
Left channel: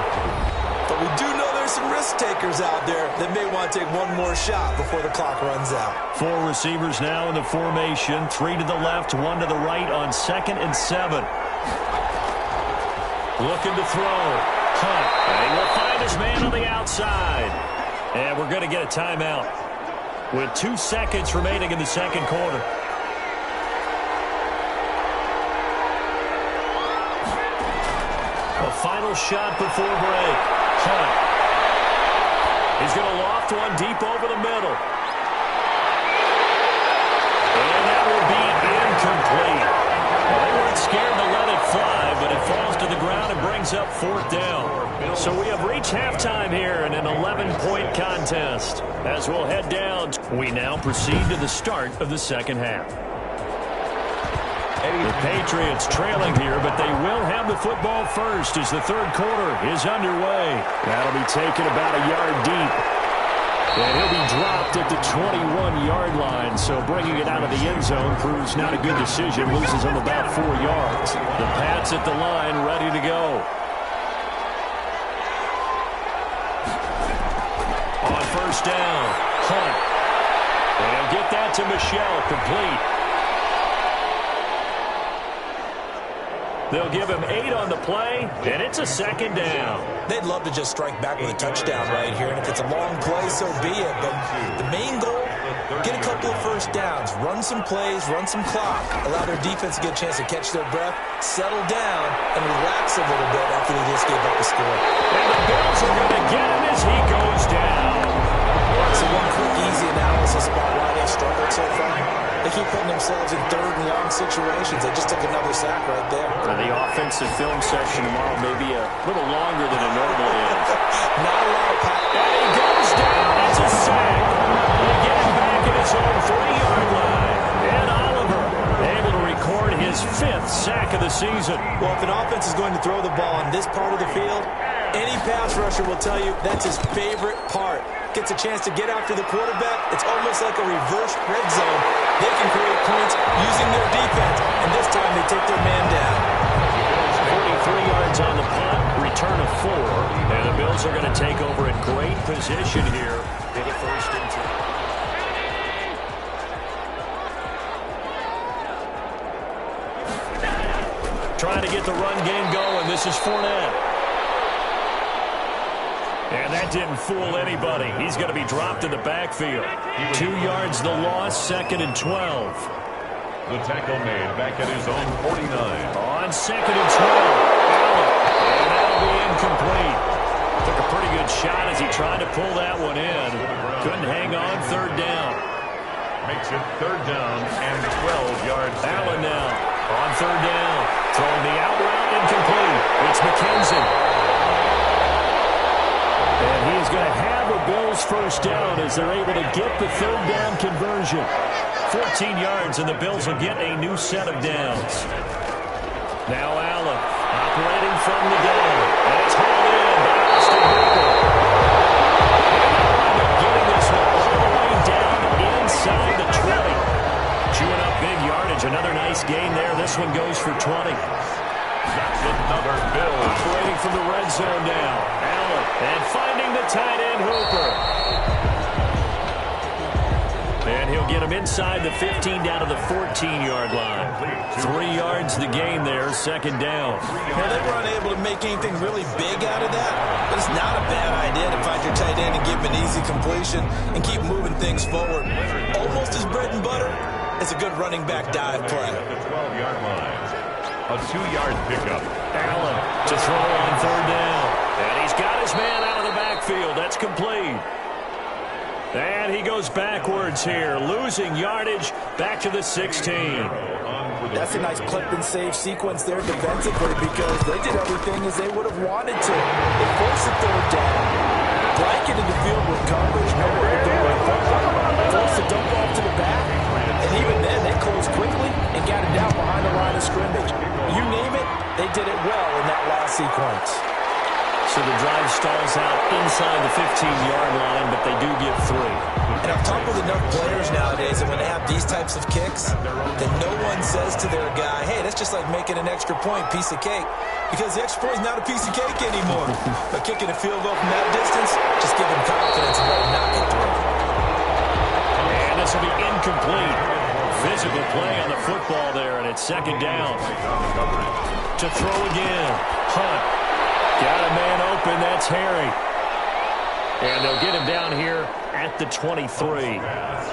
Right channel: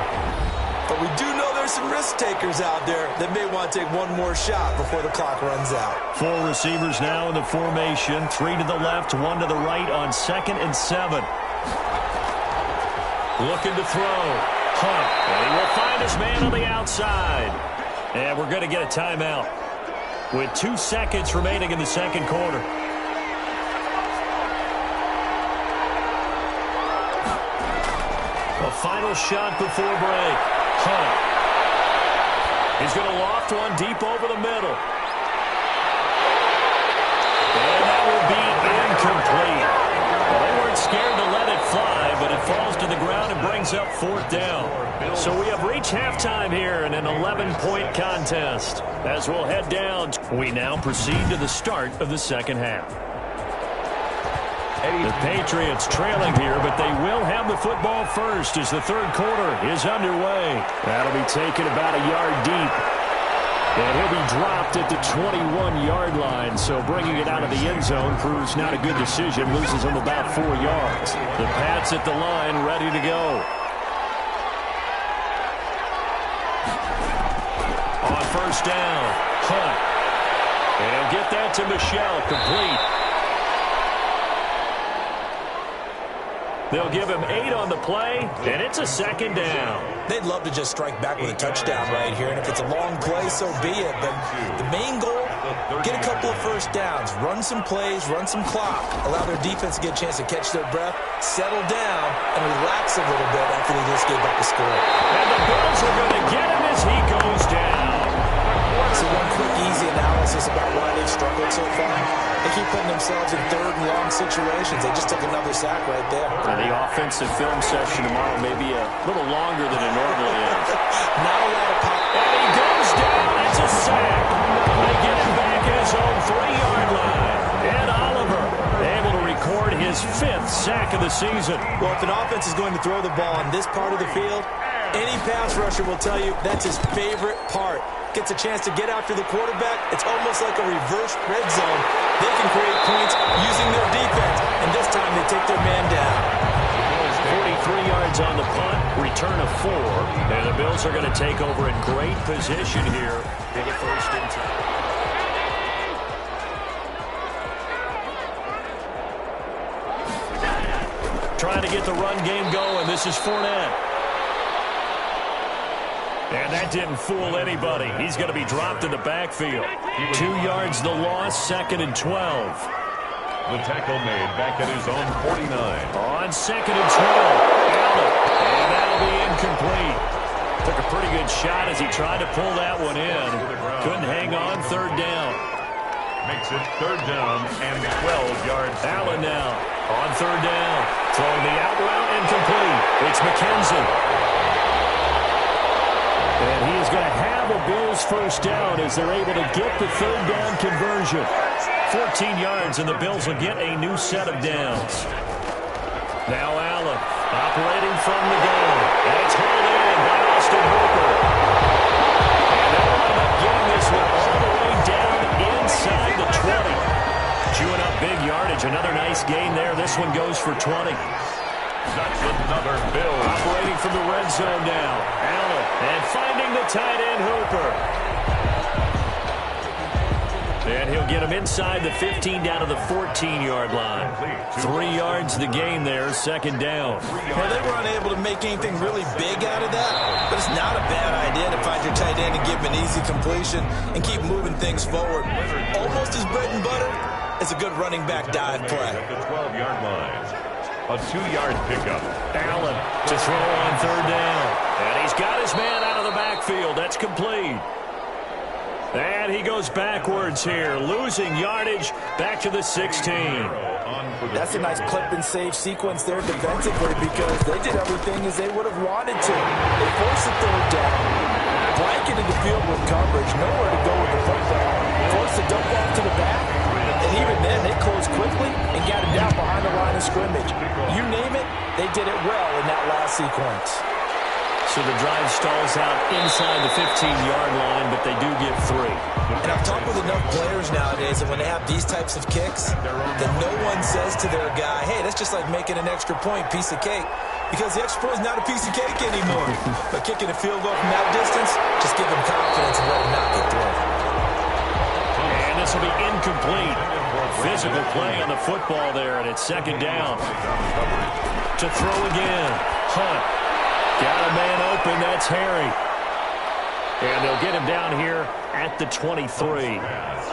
But we do know there's some risk takers out there that may want to take one more shot before the clock runs out. 4 receivers now in the formation. 3 to the left, 1 to the right on 2nd and 7. Looking to throw. Hunt. And he will find his man on the outside. And we're going to get a timeout with 2 seconds remaining in the second quarter. A final shot before break. Hunt. He's going to loft one deep over the middle. And that will be incomplete. Well, they weren't scared to let it fly, but it falls to the ground and brings up 4th down. So we have reached halftime here in an 11-point contest. As we'll head down, we now proceed to the start of the second half. The Patriots trailing here, but they will have the football first as the third quarter is underway. That'll be taken about a yard deep. And he'll be dropped at the 21-yard line, so bringing it out of the end zone proves not a good decision, loses him about 4 yards. The Pats at the line, ready to go. On first down, Hunt. And he'll get that to Michel, complete. They'll give him 8 on the play, and it's a second down. They'd love to just strike back with a touchdown right here, and if it's a long play, so be it. But the main goal, get a couple of first downs, run some plays, run some clock, allow their defense to get a chance to catch their breath, settle down, and relax a little bit after they just gave up the score. And the Bills are going to get him as he goes down. So one quick, easy analysis about why they've struggled so far. They keep putting themselves in third and long situations. They just took another sack right there. The offensive film session tomorrow may be a little longer than it normally is. Not a lot of pop. And he goes down. It's a sack. They get him back at his own 3-yard line. And Oliver able to record his 5th sack of the season. Well, if an offense is going to throw the ball on this part of the field, Any pass rusher will tell you that's his favorite part. Gets a chance to get after the quarterback. It's almost like a reverse red zone. They can create points using their defense, and this time they take their man down. 43 yards on the punt, return of 4, and the Bills are going to take over in great position here for the first and 10. Trying to get the run game going. This is Fournette. And that didn't fool anybody. He's going to be dropped in the backfield. 2 yards the loss, second and 12. The tackle made back at his own 49. On second and 12, Allen. And that'll be incomplete. Took a pretty good shot as he tried to pull that one in. Couldn't hang on, third down. Makes it third down and 12 yards. Allen now on third down. Throwing the out route, incomplete. It's McKenzie. And he is going to have a Bills first down as they're able to get the third down conversion. 14 yards, and the Bills will get a new set of downs. Now Allen operating from the gun. And it's hauled in by Austin Hooper. And they'll wind up getting this one all the way down inside the 20. Chewing up big yardage. Another nice gain there. This one goes for 20. That's another Bill. Operating from the red zone now. Allen. And finding the tight end, Hooper. And he'll get him inside the 15 down to the 14-yard line. 3 yards the gain there, second down. Well, they were unable to make anything really big out of that, but it's not a bad idea to find your tight end and give him an easy completion and keep moving things forward. Almost as bread and butter as a good running back dive play. At the 12-yard line. A 2-yard pickup. Allen to throw on third down. And he's got his man out of the backfield. That's complete. And he goes backwards here, losing yardage back to the 16. That's a nice clip and save sequence there defensively because they did everything as they would have wanted to. They forced the third down, blanketed the field with coverage, nowhere to go with the football, forced the dump off to the back, and even then they closed quickly and got it down behind the line of scrimmage. You name it, they did it well in that last sequence. So the drive stalls out inside the 15-yard line, but they do get 3. And I've talked with enough players nowadays that when they have these types of kicks, that no one says to their guy, hey, that's just like making an extra point, piece of cake. Because the extra point is not a piece of cake anymore. But kicking a field goal from that distance, just give them confidence and let them knock it through. And this will be incomplete. Physical play on the football there, and it's second down. To throw again, Hunt. Got a man open, that's Harry. And they'll get him down here at the 23.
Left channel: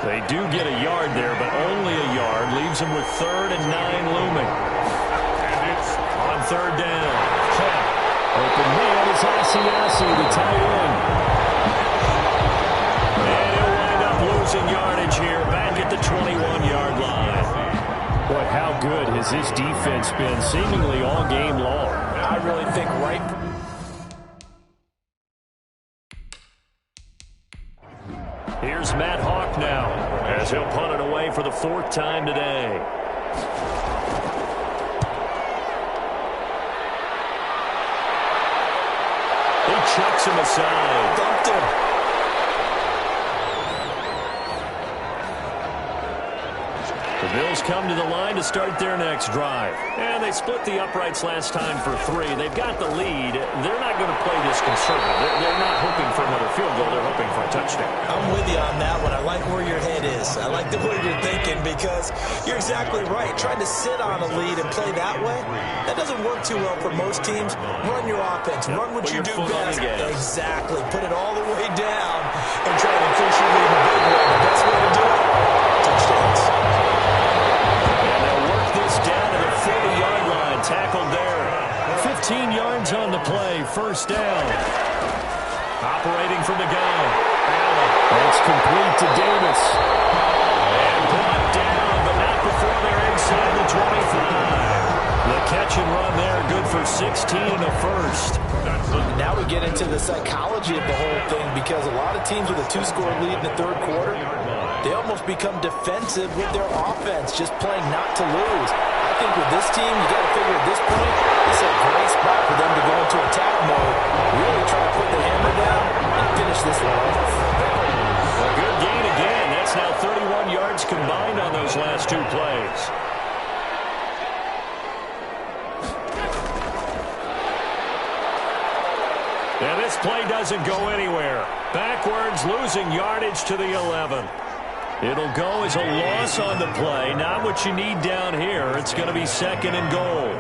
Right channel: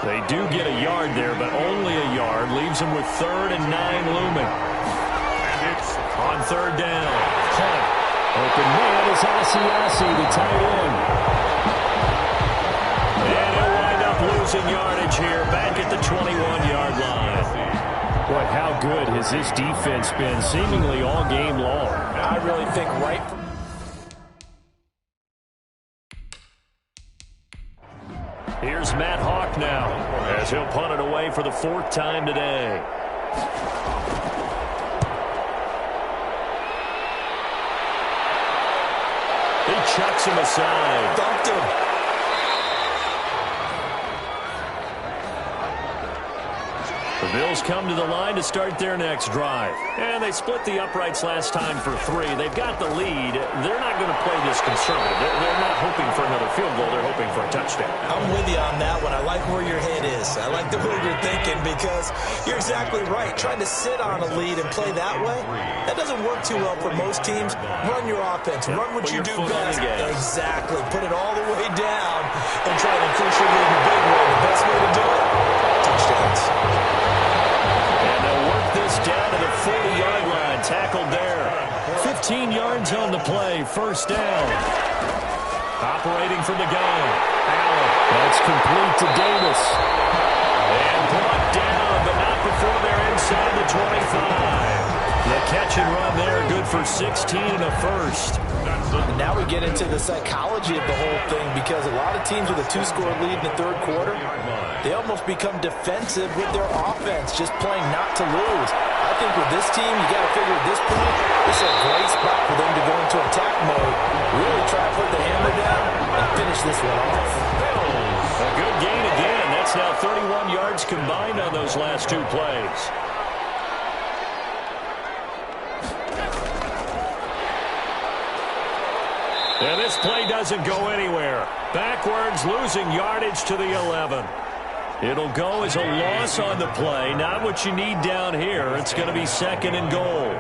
They do get a yard there, but only a yard. Leaves him with 3rd and 9 looming. And it's on third down. Hunt. Open man is Asiasi, the tight end. And he'll wind up losing yardage here back at the 21-yard line. Boy, how good has this defense been seemingly all game long? I really think right from Here's Matt Hawk now as he'll punt it away for the 4th time today. He chucks him aside. Thumped him. The Bills come to the line to start their next drive. And they split the uprights last time for 3. They've got the lead. They're not going to play this conservative. They're not hoping for another field goal. They're hoping for a touchdown. I'm with you on that one. I like where your head is. I like the way you're thinking because you're exactly right. Trying to sit on a lead and play that way, that doesn't work too well for most teams. Run your offense. Run what you do best. Exactly. Put it all the way down and try to increase your lead in a big way. The best way to do it, touchdowns. Down to the 40-yard line, tackled there. 15 yards on the play, first down. Operating from the gun, Allen. That's complete to Davis. And brought down, but not before they're inside the 25. The catch and run there, good for 16 and a first. And now we get into the psychology of the whole thing, because a lot of teams with a 2-score lead in the third quarter, they almost become defensive with their offense, just playing not to lose. I think with this team, you got to figure at this point, this is a great spot for them to go into attack mode, really try to put the hammer down and finish this one off. A good gain again. That's now 31 yards combined on those last 2 plays. And this play doesn't go anywhere. Backwards, losing yardage to the 11. It'll go as a loss on the play. Not what you need down here. It's going to be 2nd and goal.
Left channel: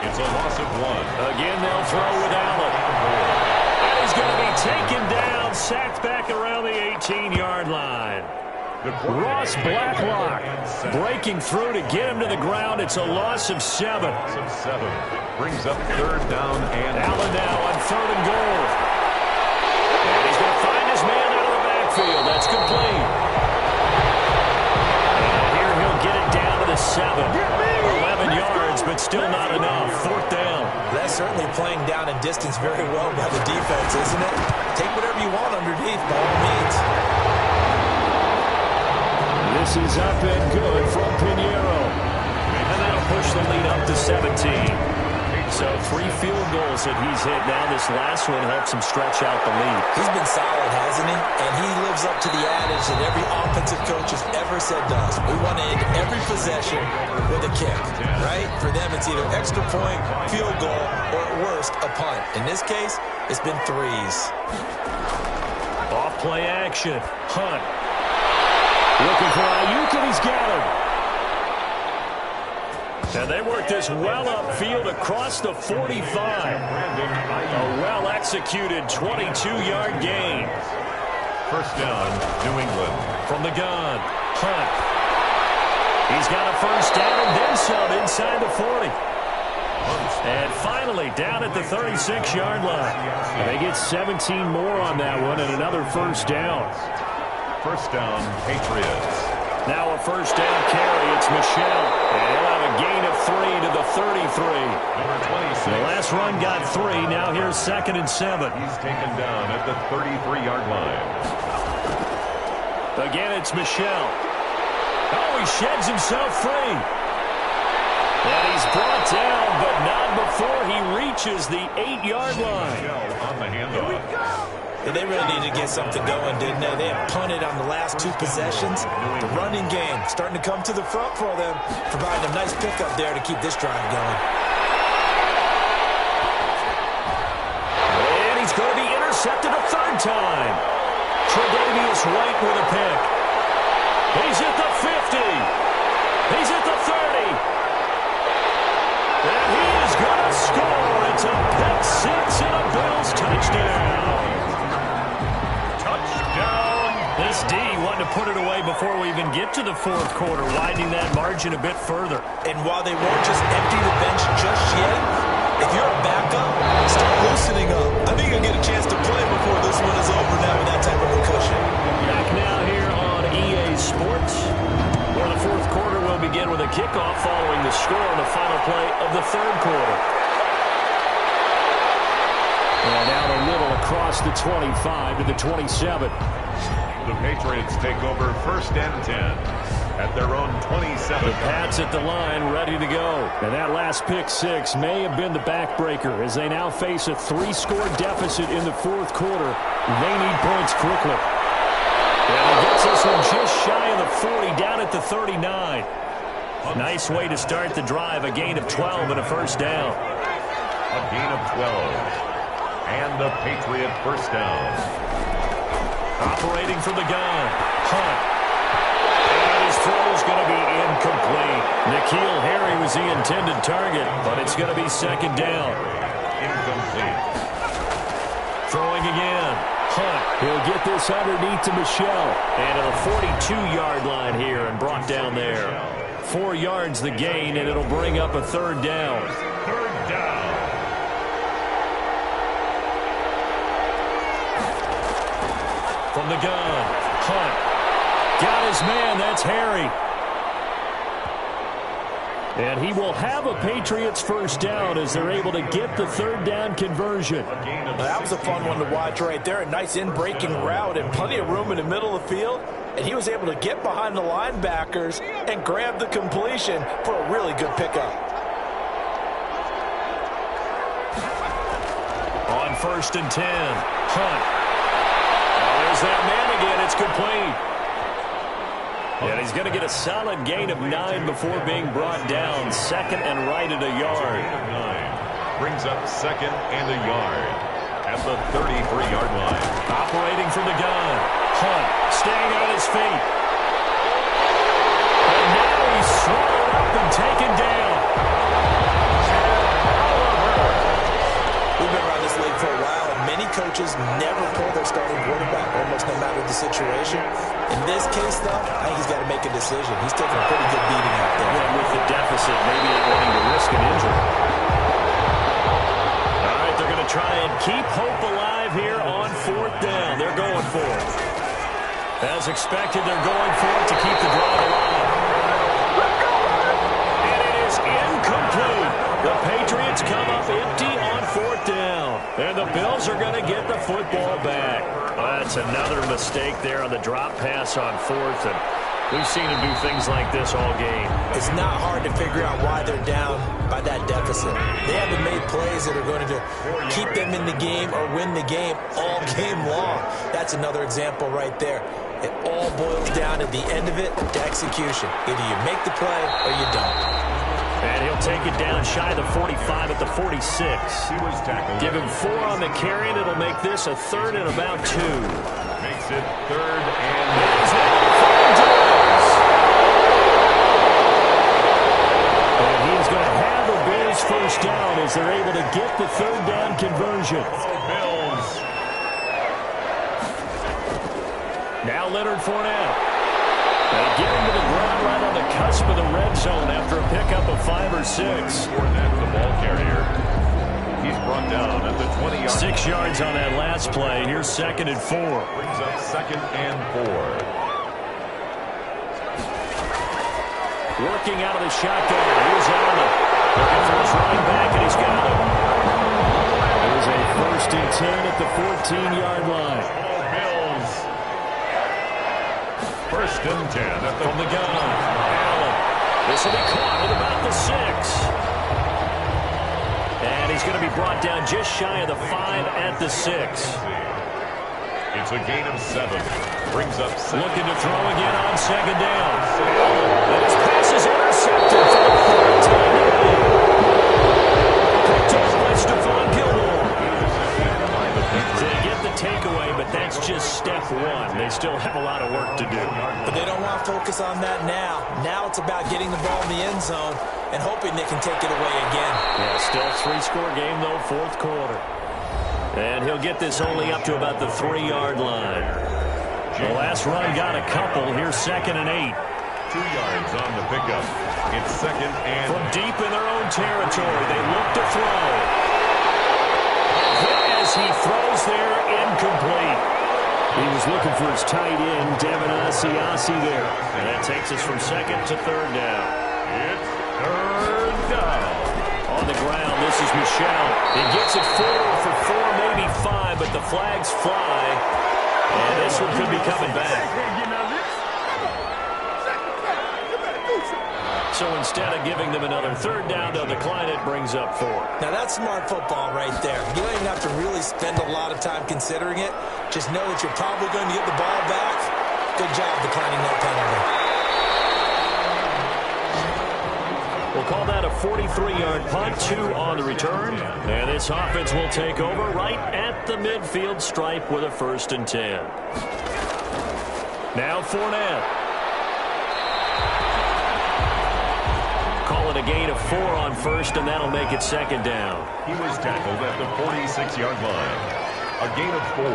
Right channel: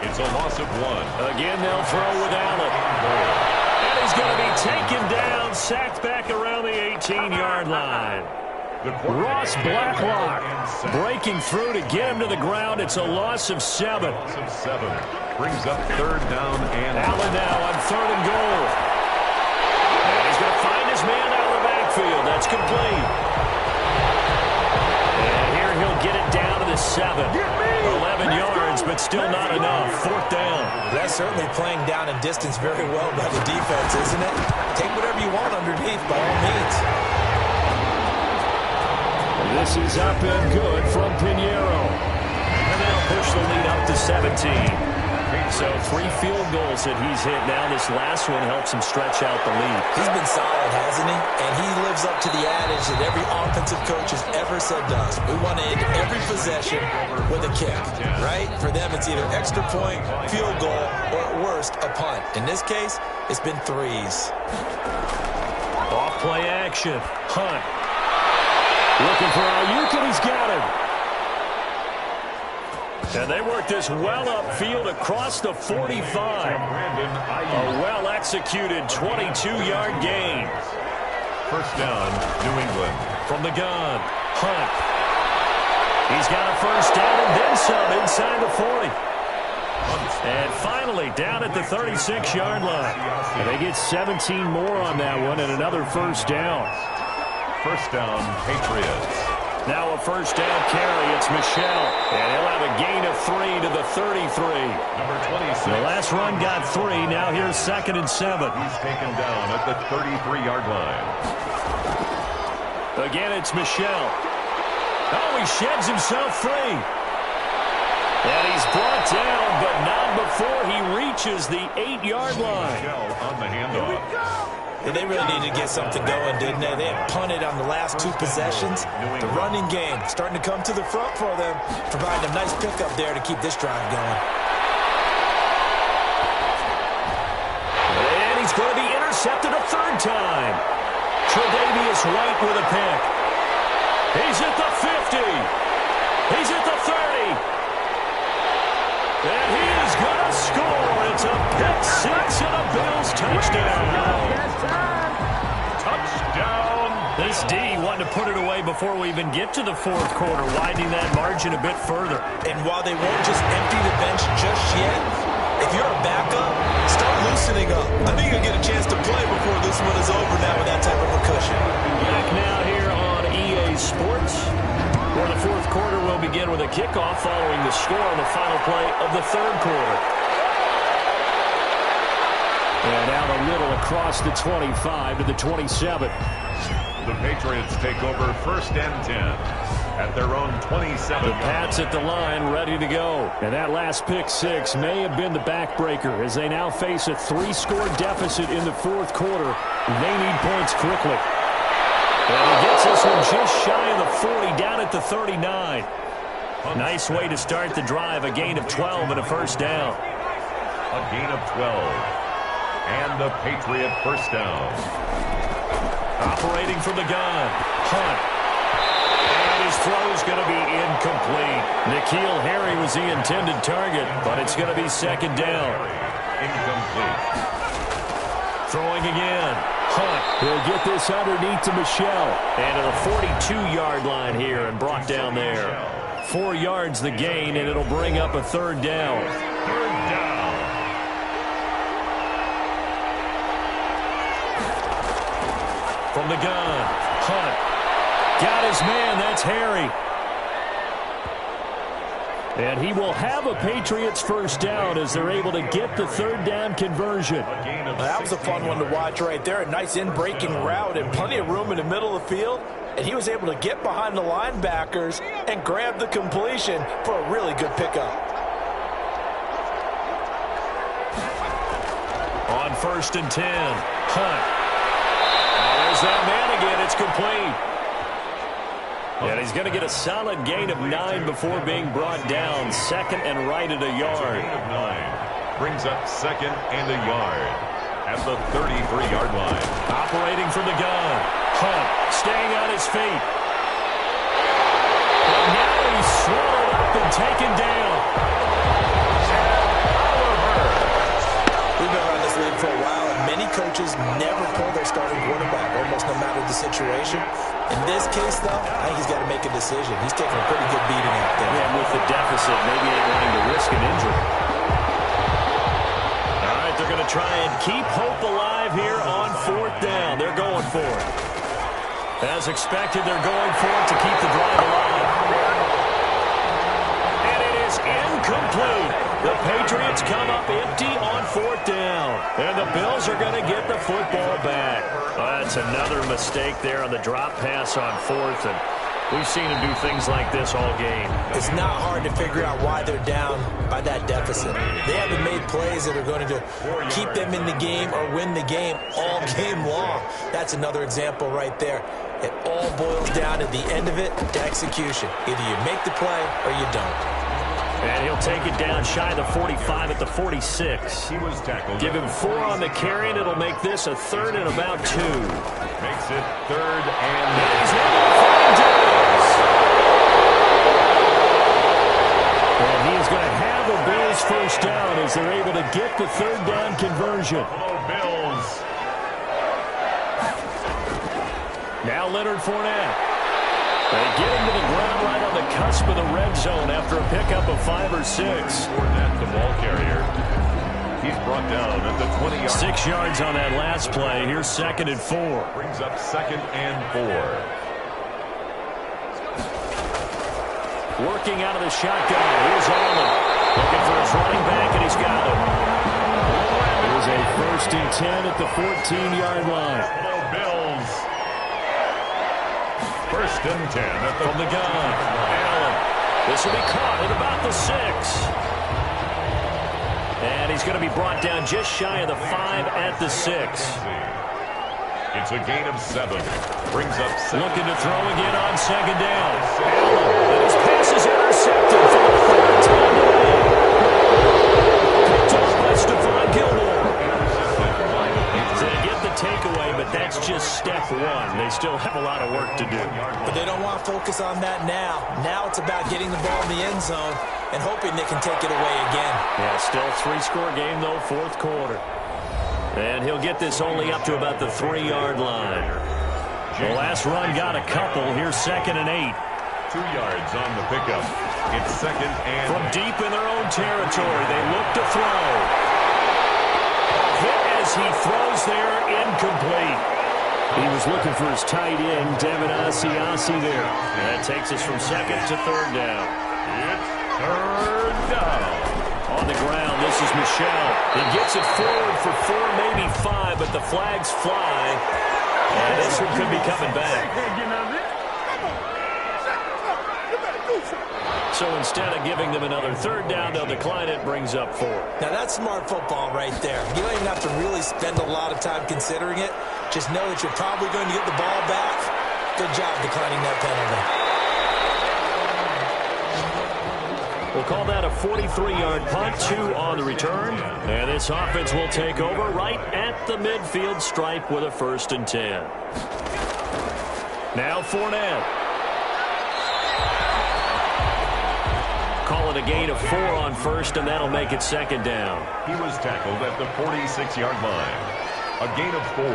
It's a loss of 1. Again, they'll throw with Allen. And he's going to be taken down, sacked back around the 18-yard line. Ross Blacklock breaking through to get him to the ground. It's a loss of 7. Loss of 7. Brings up 3rd down and Allen now on 3rd and goal. And he's going to find his man out of the backfield. That's complete. And here he'll get it down to the 7. 11 yards, but still not enough. 4th down. That's certainly playing down in distance very well by the defense, isn't it? Take whatever you want underneath, by all means. This is up and good from Pinheiro. And that'll push the lead up to 17. So 3 field goals that he's hit now. This last one helps him stretch out the lead. He's been solid, hasn't he? And he lives up to the adage that every offensive coach has ever said to us. We want to end every possession with a kick, right? For them, it's either extra point, field goal, or at worst, a punt. In this case, it's been 3s. Off play action. Hunt. Looking for Ayuk, and he's got him. And they work this well upfield across the 45. A well-executed 22-yard gain. 1st down, New England. From the gun, Hunt. He's got a 1st down and then some inside the 40. And finally, down at the 36-yard line. And they get 17 more on that one and another 1st down. 1st down, Patriots. Now a 1st down carry. It's Michel. And he'll have a gain of 3 to the 33. Number 26. The last run got 3. Now here's 2nd and 7. He's taken down at the 33-yard line. Again, it's Michel. Oh, he sheds himself free. And he's brought down, but not before he reaches the 8-yard line. Michel on the handoff. And they really needed to get something going, didn't they? They had punted on the last 2 possessions. The running game starting to come to the front for them, providing a nice pickup there to keep this drive going. And he's going to be intercepted a 3rd time. Tre'Davious White with a pick. He's at the 50. He's at the 30. And he is going to score. It's a pick 6 and a Bills touchdown. Touchdown. This D wanted to put it away before we even get to the 4th quarter, widening that margin a bit further. And while they won't just empty the bench just yet, if you're a backup, start loosening up. I think you'll get a chance to play before this one is over now with that type of a cushion. Back now here on EA Sports, where the 4th quarter will begin with a kickoff following the score on the final play of the 3rd quarter. And out a little across the 25 to the 27. The Patriots take over 1st and 10 at their own 27. The Pats at the line ready to go. And that last pick 6 may have been the backbreaker as they now face a 3-score deficit in the 4th quarter. They need points quickly. And he gets this one just shy of the 40, down at the 39. Nice way to start the drive. A gain of 12 and a 1st down. A gain of 12. And the Patriot 1st down. Operating from the gun. Hunt. And his throw's going to be incomplete. N'Keal Harry was the intended target, but it's going to be 2nd down. Incomplete. Throwing again. Hunt. He'll get this underneath to Michel. And to the 42-yard line here and brought down there. 4 yards the gain, and it'll bring up a 3rd down. 3rd down. From the gun, Hunt. Got his man, that's Harry. And he will have a Patriots first down as they're able to get the third down conversion. Well, that was a fun one to watch right there. A nice in-breaking route and plenty of room in the middle of the field. And he was able to get behind the linebackers and grab the completion for a really good pickup. On 1st and 10, Hunt. Oh, there's that man again. It's complete. And he's going to get a solid gain of 9 before being brought down. Second and right at a yard. Gain of 9 brings up second and a yard at the 33-yard line. Operating from the gun. Hunt staying on his feet. And now he's swallowed up and taken down. We've been around this league for a while, and many coaches never pull their starting quarterback, almost no matter the situation. In this case, though, I think he's got to make a decision. He's taking a pretty good beating out there. Yeah, with the deficit, maybe not wanting to risk an injury. All right, they're going to try and keep hope alive here on 4th down. They're going for it. As expected, they're going for it to keep the drive alive. And it is incomplete. The Patriots come up empty on 4th down. And the Bills are going to get the football back. That's another mistake there on the drop pass on 4th. And we've seen him do things like this all game. It's not hard to figure out why they're down by that deficit. They haven't made plays that are going to keep them in the game or win the game all game long. That's another example right there. It all boils down at the end of it to execution. Either you make the play or you don't. And he'll take it down shy of the 45 at the 46. He was tackled. Give him 4 on the carry, and it'll make this a 3rd and about 2. Makes it 3rd and he's able to find Diggs. And he is going to have the Bills first down as they're able to get the 3rd down conversion. Hello, Bills. Now Leonard Fournette. They get him to the ground right on the cusp of the red zone after a pickup of 5 or 6. Fournette, the ball carrier. He's brought down at the 20-yard. 6 yards on that last play. Here's 2nd and 4. Brings up 2nd and 4. Working out of the shotgun. Here's Allen. Looking for his running back, and he's got him. It was a 1st and 10 at the 14-yard line. Hello, Bills. 1st and 10 at the from the gun. Allen. This will be caught at about the 6. And he's going to be brought down just shy of the 5 at the 6. It's a gain of 7. Brings up 7. Looking to throw again on 2nd down. Allen. And his pass is intercepted for the 3rd time today. Picked off by Stephon Gilmore. They get the takeaway, but that's just step 1. They still have a lot of work to do. But they don't want to focus on that now. Now it's about getting the ball in the end zone and hoping they can take it away again. Yeah, still 3-score game, though, 4th quarter. And he'll get this only up to about the 3-yard line. The last run got a couple. Here's 2nd and 8. 2 yards on the pickup. It's 2nd and... From deep in their own territory, they look to throw. Hit as he throws there, incomplete. He was looking for his tight end, Devin Asiasi there. And that takes us from 2nd to 3rd down. It's 3rd down. On the ground, this is Michel. He gets it forward for 4, maybe 5, but the flags fly. And this one could be coming back. So instead of giving them another 3rd down, they'll decline it, brings up 4. Now that's smart football right there. You don't even have to really spend a lot of time considering it. Just know that you're probably going to get the ball back. Good job declining that penalty. We'll call that a 43-yard punt, 2 on the return. And this offense will take over right at the midfield stripe with a 1st and 10. Now Fournette. Call it a gain of 4 on 1st, and that'll make it 2nd down. He was tackled at the 46-yard line. A gain of 4.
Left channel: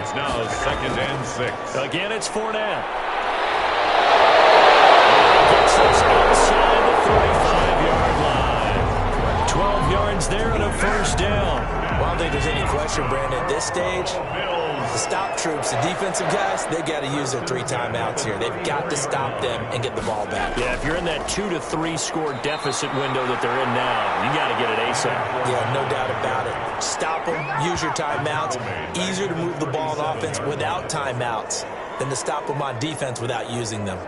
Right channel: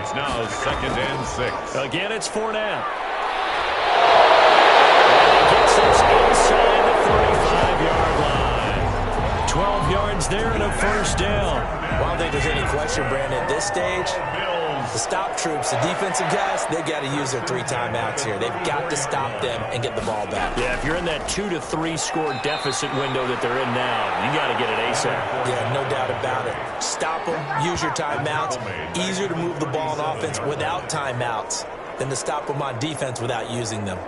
It's now 2nd and 6. Again, it's Fournette. And he gets this inside the 35-yard line. 12 yards there and a 1st down. Well, I don't think there's any question, Brandon, at this stage, The stop troops, the defensive guys, they've got to use their 3 timeouts here. They've got to stop them and get the ball back. Yeah, if you're in that 2 to 3 score deficit window that they're in now, you got to get it ASAP. Yeah, no doubt about it. Stop them, use your timeouts. Easier to move the ball on offense without timeouts than to stop them on defense without using them.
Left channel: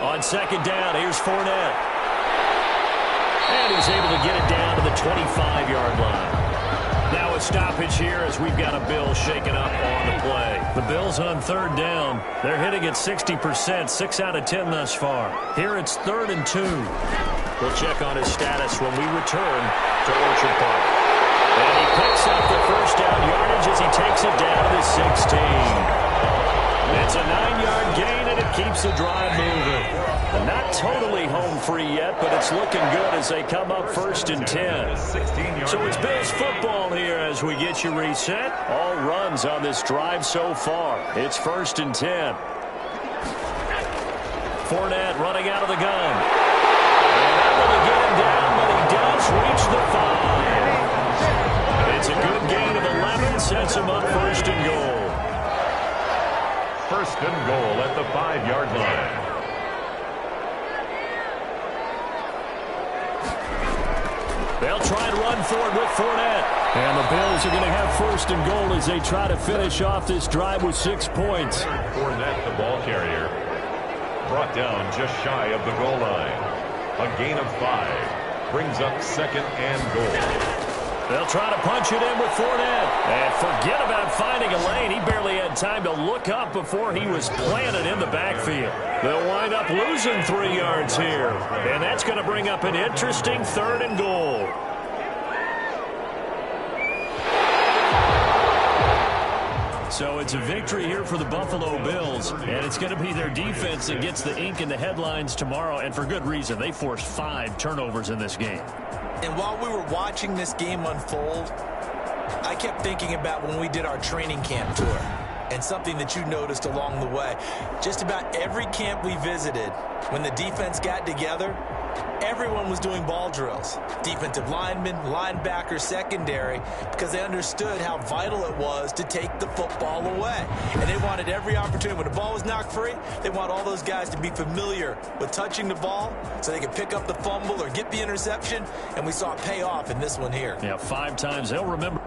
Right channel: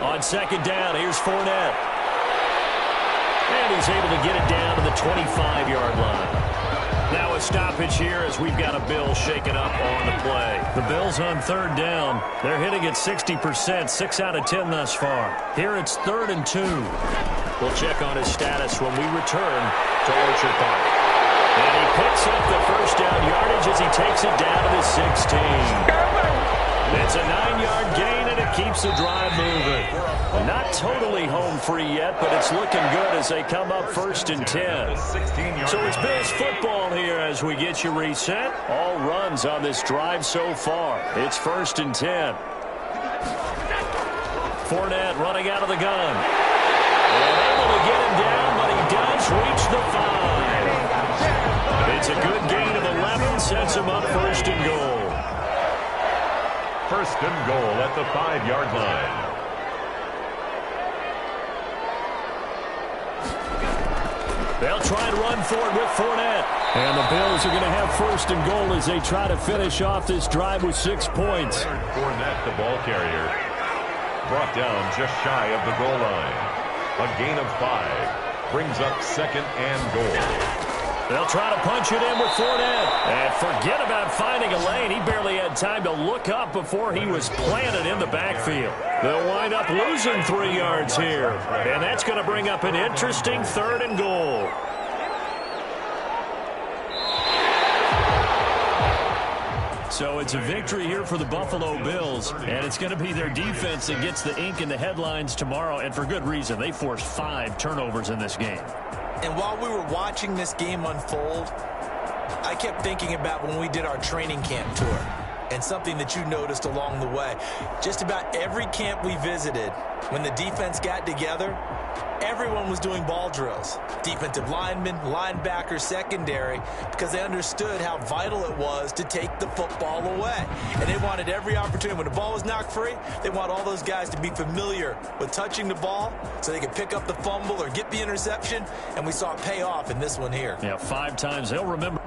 On second down, here's Fournette. And he's able to get it down to the 25-yard line. Now a stoppage here as we've got a Bill shaken up on the play. The Bills on third down. They're hitting at 60%, 6 out of 10 thus far. Here it's 3rd and 2. We'll check on his status when we return to Orchard Park. And he picks up the first down yardage as he takes it down to the 16. It's a 9-yard gain, and it keeps the drive moving. Not totally home free yet, but it's looking good as they come up 1st and 10. So it's Bills football here as we get you reset. All runs on this drive so far. It's 1st and 10. Fournette running out of the gun. And able to get him down, but he does reach the 5. It's a good gain of 11, sets him up 1st and goal. 1st and goal at the 5-yard line. They'll try to run forward with Fournette. And the Bills are going to have 1st and goal as they try to finish off this drive with 6 points. Fournette, the ball carrier, brought down just shy of the goal line. A gain of 5 brings up 2nd and goal. They'll try to punch it in with Fournette. And forget about finding a lane. He barely had time to look up before he was planted in the backfield. They'll wind up losing 3 yards here. And that's going to bring up an interesting 3rd and goal. So it's a victory here for the Buffalo Bills, and it's going to be their defense that gets the ink in the headlines tomorrow, and for good reason. They forced 5 turnovers in this game. And while we were watching this game unfold, I kept thinking about when we did our training camp tour and something that you noticed along the way. Just about every camp we visited, when the defense got together, everyone was doing ball drills. Defensive linemen, linebackers, secondary, because they understood how vital it was to take the football away. And they wanted every opportunity. When the ball was knocked free, they want all those guys to be familiar with touching the ball so they could pick up the fumble or get the interception. And we saw it pay off in this one here. Yeah, 5 times. They'll remember.